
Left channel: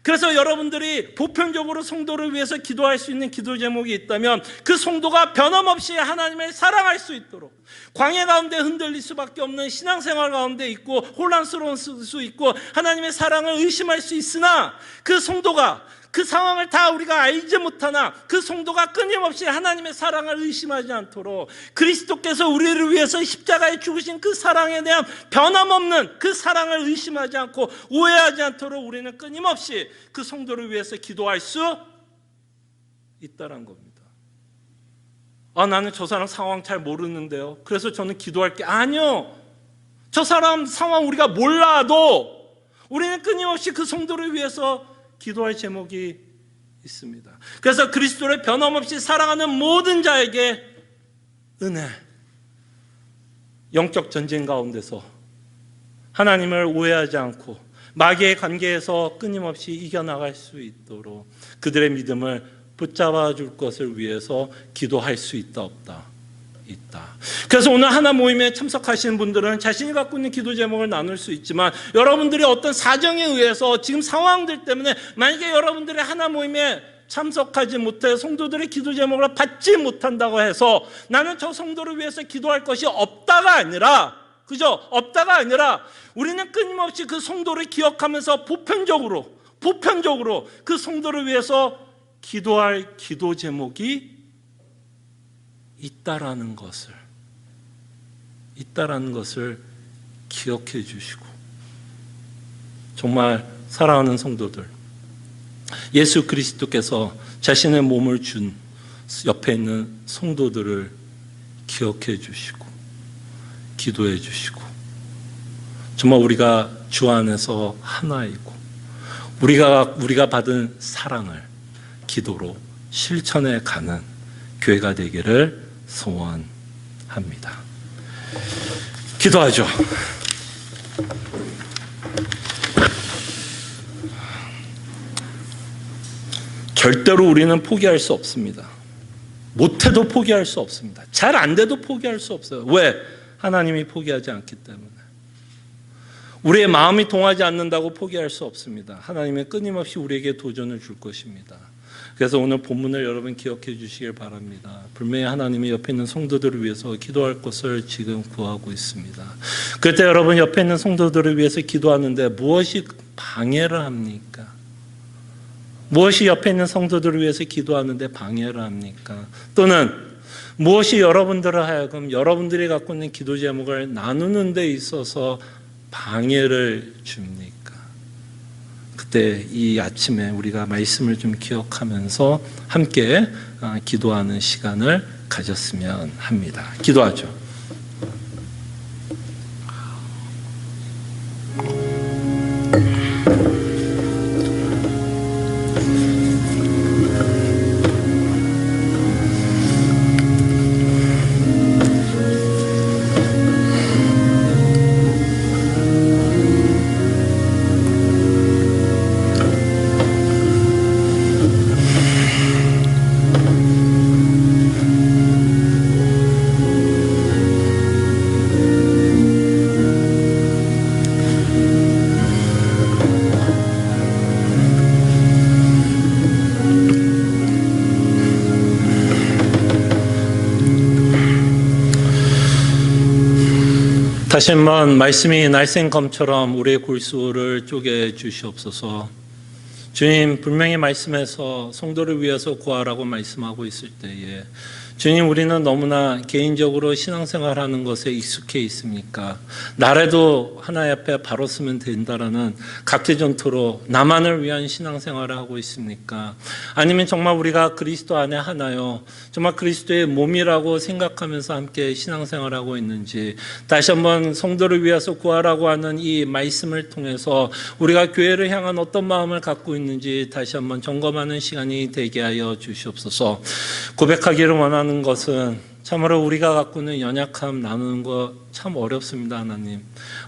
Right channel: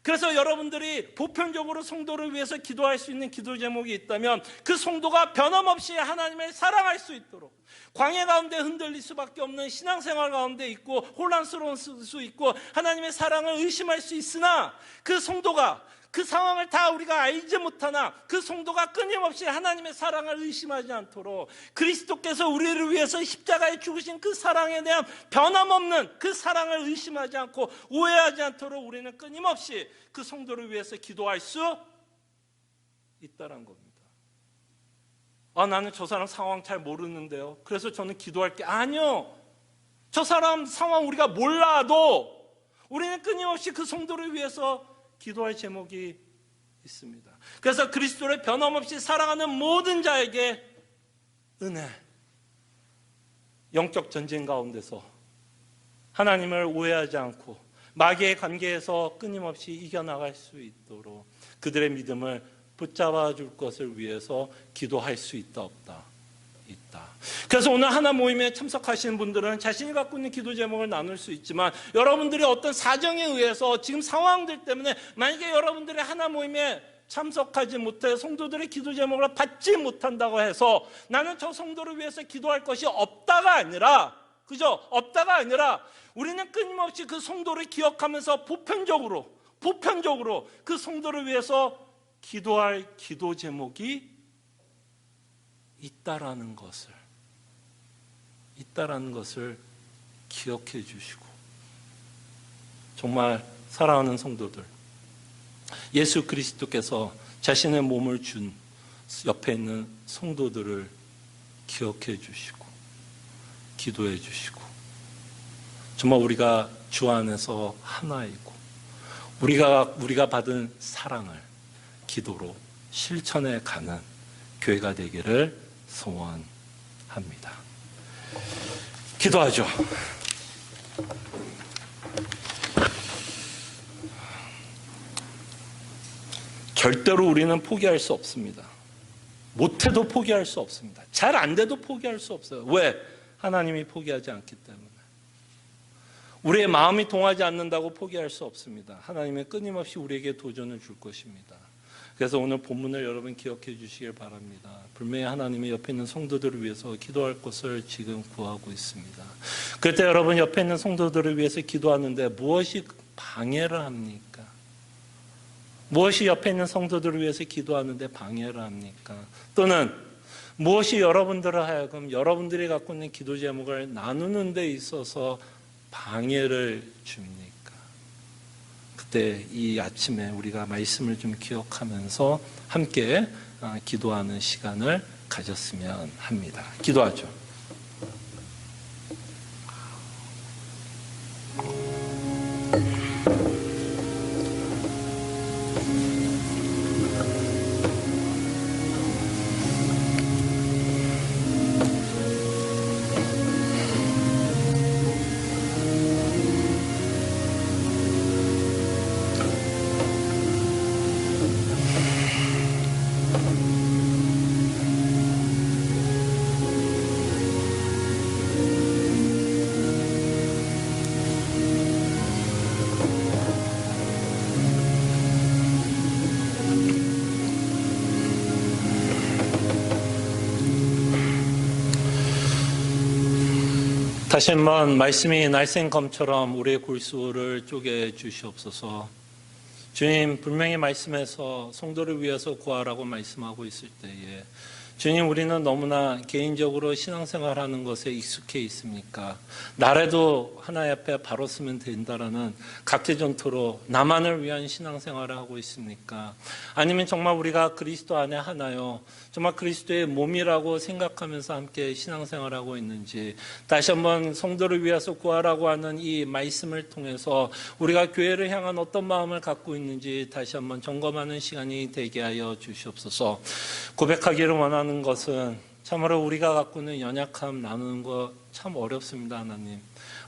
그래서 여러분들이 보편적으로 성도를 위해서 기도할 수 있는 기도 제목이 있다면 그 성도가 변함없이 하나님을 사랑할 수 있도록, 광야 가운데 흔들릴 수밖에 없는 신앙생활 가운데 있고 혼란스러울 수 있고 하나님의 사랑을 의심할 수 있으나 그 성도가 그 상황을 다 우리가 알지 못하나 그 성도가 끊임없이 하나님의 사랑을 의심하지 않도록 그리스도께서 우리를 위해서 십자가에 죽으신 그 사랑에 대한 변함없는 그 사랑을 의심하지 않고 오해하지 않도록 우리는 끊임없이 그 성도를 위해서 기도할 수 있다는 겁니다. 나는 저 사람 상황 잘 모르는데요. 그래서 저는 기도할 게 아니요. 저 사람 상황 우리가 몰라도 우리는 끊임없이 그 성도를 위해서 기도할 제목이 있습니다. 그래서 그리스도를 변함없이 사랑하는 모든 자에게 은혜, 영적 전쟁 가운데서 하나님을 오해하지 않고 마귀의 관계에서 끊임없이 이겨나갈 수 있도록 그들의 믿음을 붙잡아 줄 것을 위해서 기도할 수 있다 없다? 있다. 그래서 오늘 하나 모임에 참석하시는 분들은 자신이 갖고 있는 기도 제목을 나눌 수 있지만 여러분들이 어떤 사정에 의해서 지금 상황들 때문에 만약에 여러분들이 하나 모임에 참석하지 못해 성도들의 기도 제목을 받지 못한다고 해서 나는 저 성도를 위해서 기도할 것이 없다가 아니라, 그죠? 없다가 아니라 우리는 끊임없이 그 성도를 기억하면서 보편적으로 그 성도를 위해서 기도할 기도 제목이 있다라는 것을 기억해 주시고, 정말 사랑하는 성도들, 예수 그리스도께서 자신의 몸을 준 옆에 있는 성도들을 기억해 주시고 기도해 주시고, 정말 우리가 주 안에서 하나이고 우리가 받은 사랑을 기도로 실천해 가는 교회가 되기를 소원합니다. 기도하죠. 절대로 우리는 포기할 수 없습니다. 못해도 포기할 수 없습니다. 잘 안 돼도 포기할 수 없어요. 왜? 하나님이 포기하지 않기 때문에. 우리의 마음이 동하지 않는다고 포기할 수 없습니다. 하나님은 끊임없이 우리에게 도전을 줄 것입니다. 그래서 오늘 본문을 여러분 기억해 주시길 바랍니다. 분명히 하나님이 옆에 있는 성도들을 위해서 기도할 것을 지금 구하고 있습니다. 그럴 때 여러분 옆에 있는 성도들을 위해서 기도하는데 무엇이 방해를 합니까? 무엇이 옆에 있는 성도들을 위해서 기도하는데 방해를 합니까? 또는 무엇이 여러분들을 하여금 여러분들이 갖고 있는 기도 제목을 나누는 데 있어서 방해를 줍니까? 그때 이 아침에 우리가 말씀을 좀 기억하면서 함께 기도하는 시간을 가졌으면 합니다. 기도하죠. 다시 한번 말씀이 날쌘검처럼 우리의 골수를 쪼개 주시옵소서. 주님, 분명히 말씀에서 성도를 위해서 구하라고 말씀하고 있을 때에 주님, 우리는 너무나 개인적으로 신앙생활하는 것에 익숙해 있습니까? 나라도 하나님 앞에 바로 쓰면 된다라는 각계전투로 나만을 위한 신앙생활을 하고 있습니까? 아니면 정말 우리가 그리스도 안에 하나요? 정말 그리스도의 몸이라고 생각하면서 함께 신앙생활하고 있는지 다시 한번 성도를 위해서 구하라고 하는 이 말씀을 통해서 우리가 교회를 향한 어떤 마음을 갖고 있는지 다시 한번 점검하는 시간이 되게 하여 주시옵소서. 고백하기를 원하는 것은 참으로 우리가 갖고 있는 연약함 나누는 거 참 어렵습니다. 하나님,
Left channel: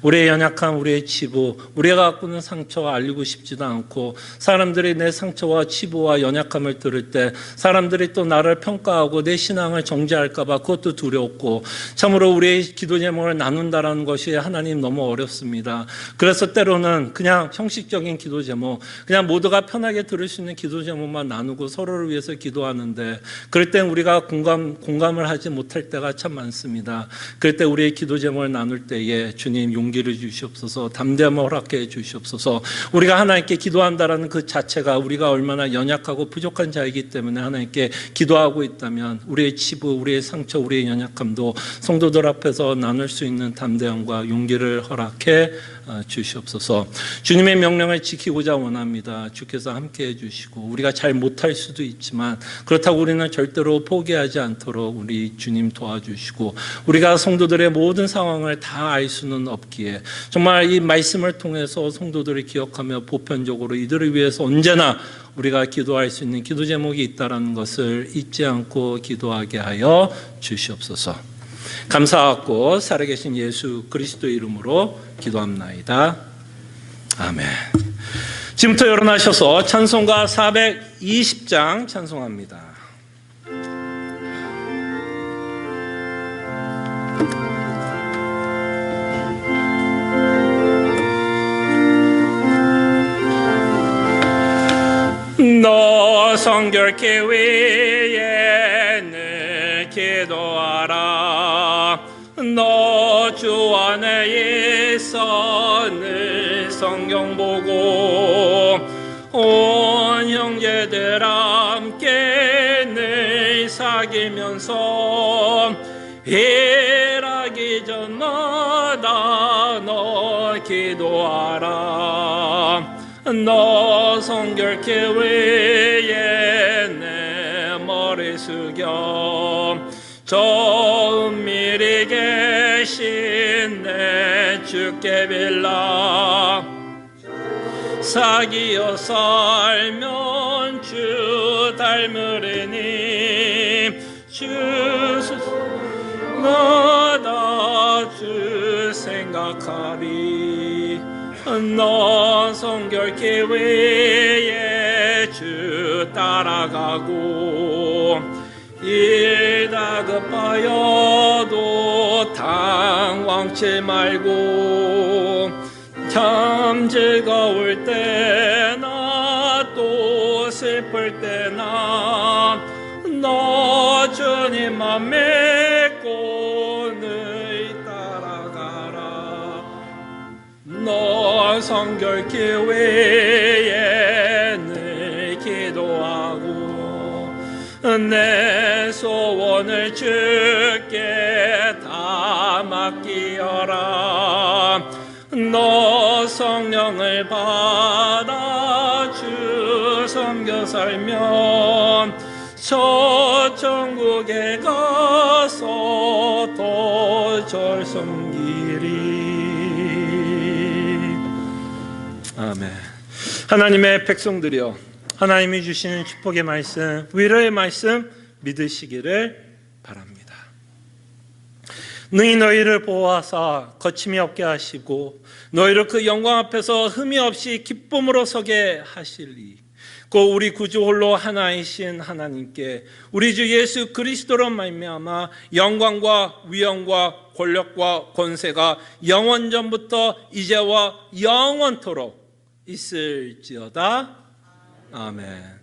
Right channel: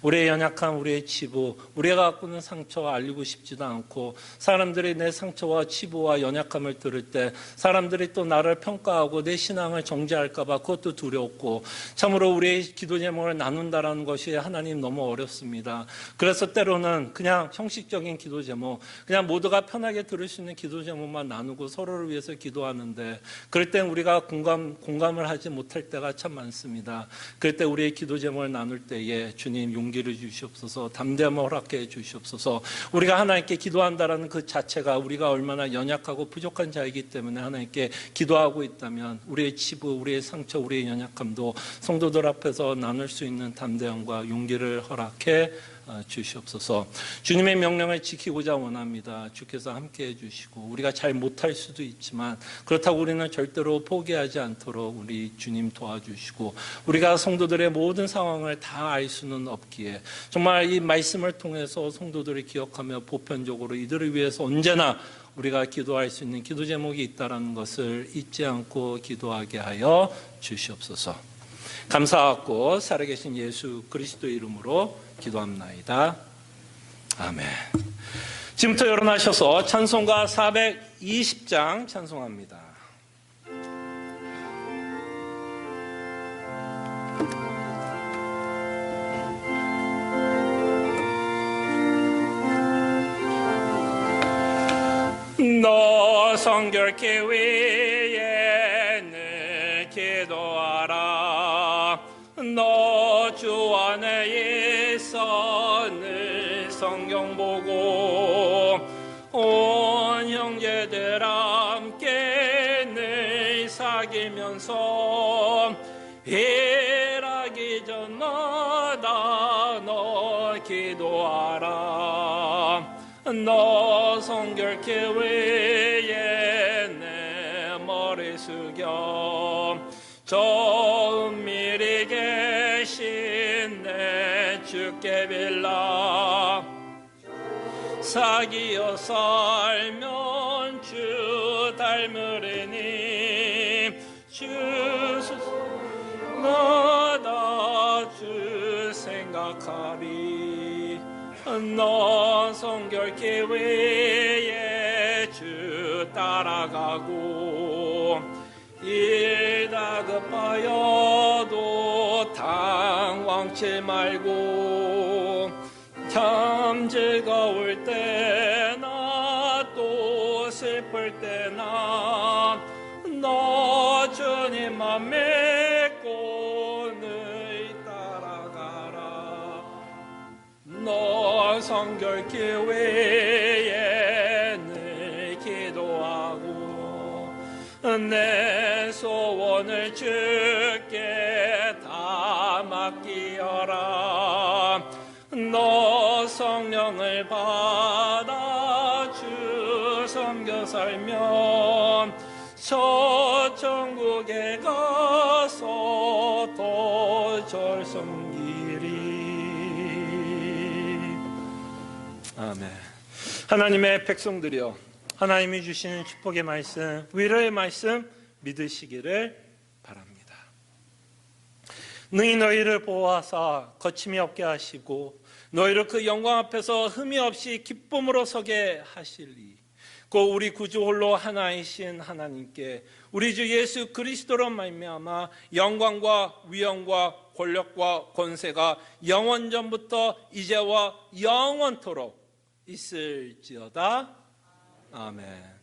우리의 연약함, 우리의 치부, 우리가 갖고 있는 상처 알리고 싶지도 않고 사람들이 내 상처와 치부와 연약함을 들을 때 사람들이 또 나를 평가하고 내 신앙을 정죄할까 봐 그것도 두렵고 참으로 우리의 기도 제목을 나눈다라는 것이 하나님 너무 어렵습니다. 그래서 때로는 그냥 형식적인 기도 제목, 그냥 모두가 편하게 들을 수 있는 기도 제목만 나누고 서로를 위해서 기도하는데 그럴 땐 우리가 공감을 하지 기도하지 못할 때가 참 많습니다. 그럴 때 우리의 기도 제목을 나눌 때에 주님 용기를 주시옵소서, 담대함을 허락해 주시옵소서. 우리가 하나님께 기도한다라는 그 자체가 우리가 얼마나 연약하고 부족한 자이기 때문에 하나님께 기도하고 있다면 우리의 치부, 우리의 상처, 우리의 연약함도 성도들 앞에서 나눌 수 있는 담대함과 용기를 허락해 주시옵소서. 주님의 명령을 지키고자 원합니다. 주께서 함께해 주시고 우리가 잘 못할 수도 있지만 그렇다고 우리는 절대로 포기하지 않도록 우리 주님 도와주시고 우리가 성도들의 모든 상황을 다 알 수는 없기에 정말 이 말씀을 통해서 성도들을 기억하며 보편적으로 이들을 위해서 언제나 우리가 기도할 수 있는 기도 제목이 있다는 것을 잊지 않고 기도하게 하여 주시옵소서. 감사하고 살아계신 예수 그리스도 이름으로 기도합나이다. 아멘. 지금부터 일어나셔서 찬송가 420장 찬송합니다. 너 성결케 위에 늘 기도하라. 너 주 안에 있어 늘 성경 보고 온 형제들 함께 늘 사귀면서 일하기 전마다 너 기도하라. 너 성결케 위에 내 머리 숙여 저 은밀히 계신 내 주께 빌라. 사귀어 살면 주 닮으리니 주마다 주 생각하리. 너 성결케 위에 주 따라가고 일 다급하여도 당황치 말고 참 즐거울 때나 또 슬플 때나 너 주님만 믿고 늘 따라가라. 너 성결케 위에 늘 기도하고 내 소원을 주께 다 맡기어라. 너 성령을 받아 주 섬겨 살면 저 천국에 가서 더 절 섬기리. 아멘. 하나님의 백성들이여, 하나님이 주시는 축복의 말씀, 위로의 말씀 믿으시기를 바랍니다. 능히 너희를 보호하사 거침이 없게 하시고 너희를 그 영광 앞에서 흠이 없이 기쁨으로 서게 하시리. 곧 우리 구주 홀로 하나이신 하나님께 우리 주 예수 그리스도로 말미암아 영광과 위엄과 권력과 권세가 영원전부터 이제와 영원토록 있을지어다. 아멘.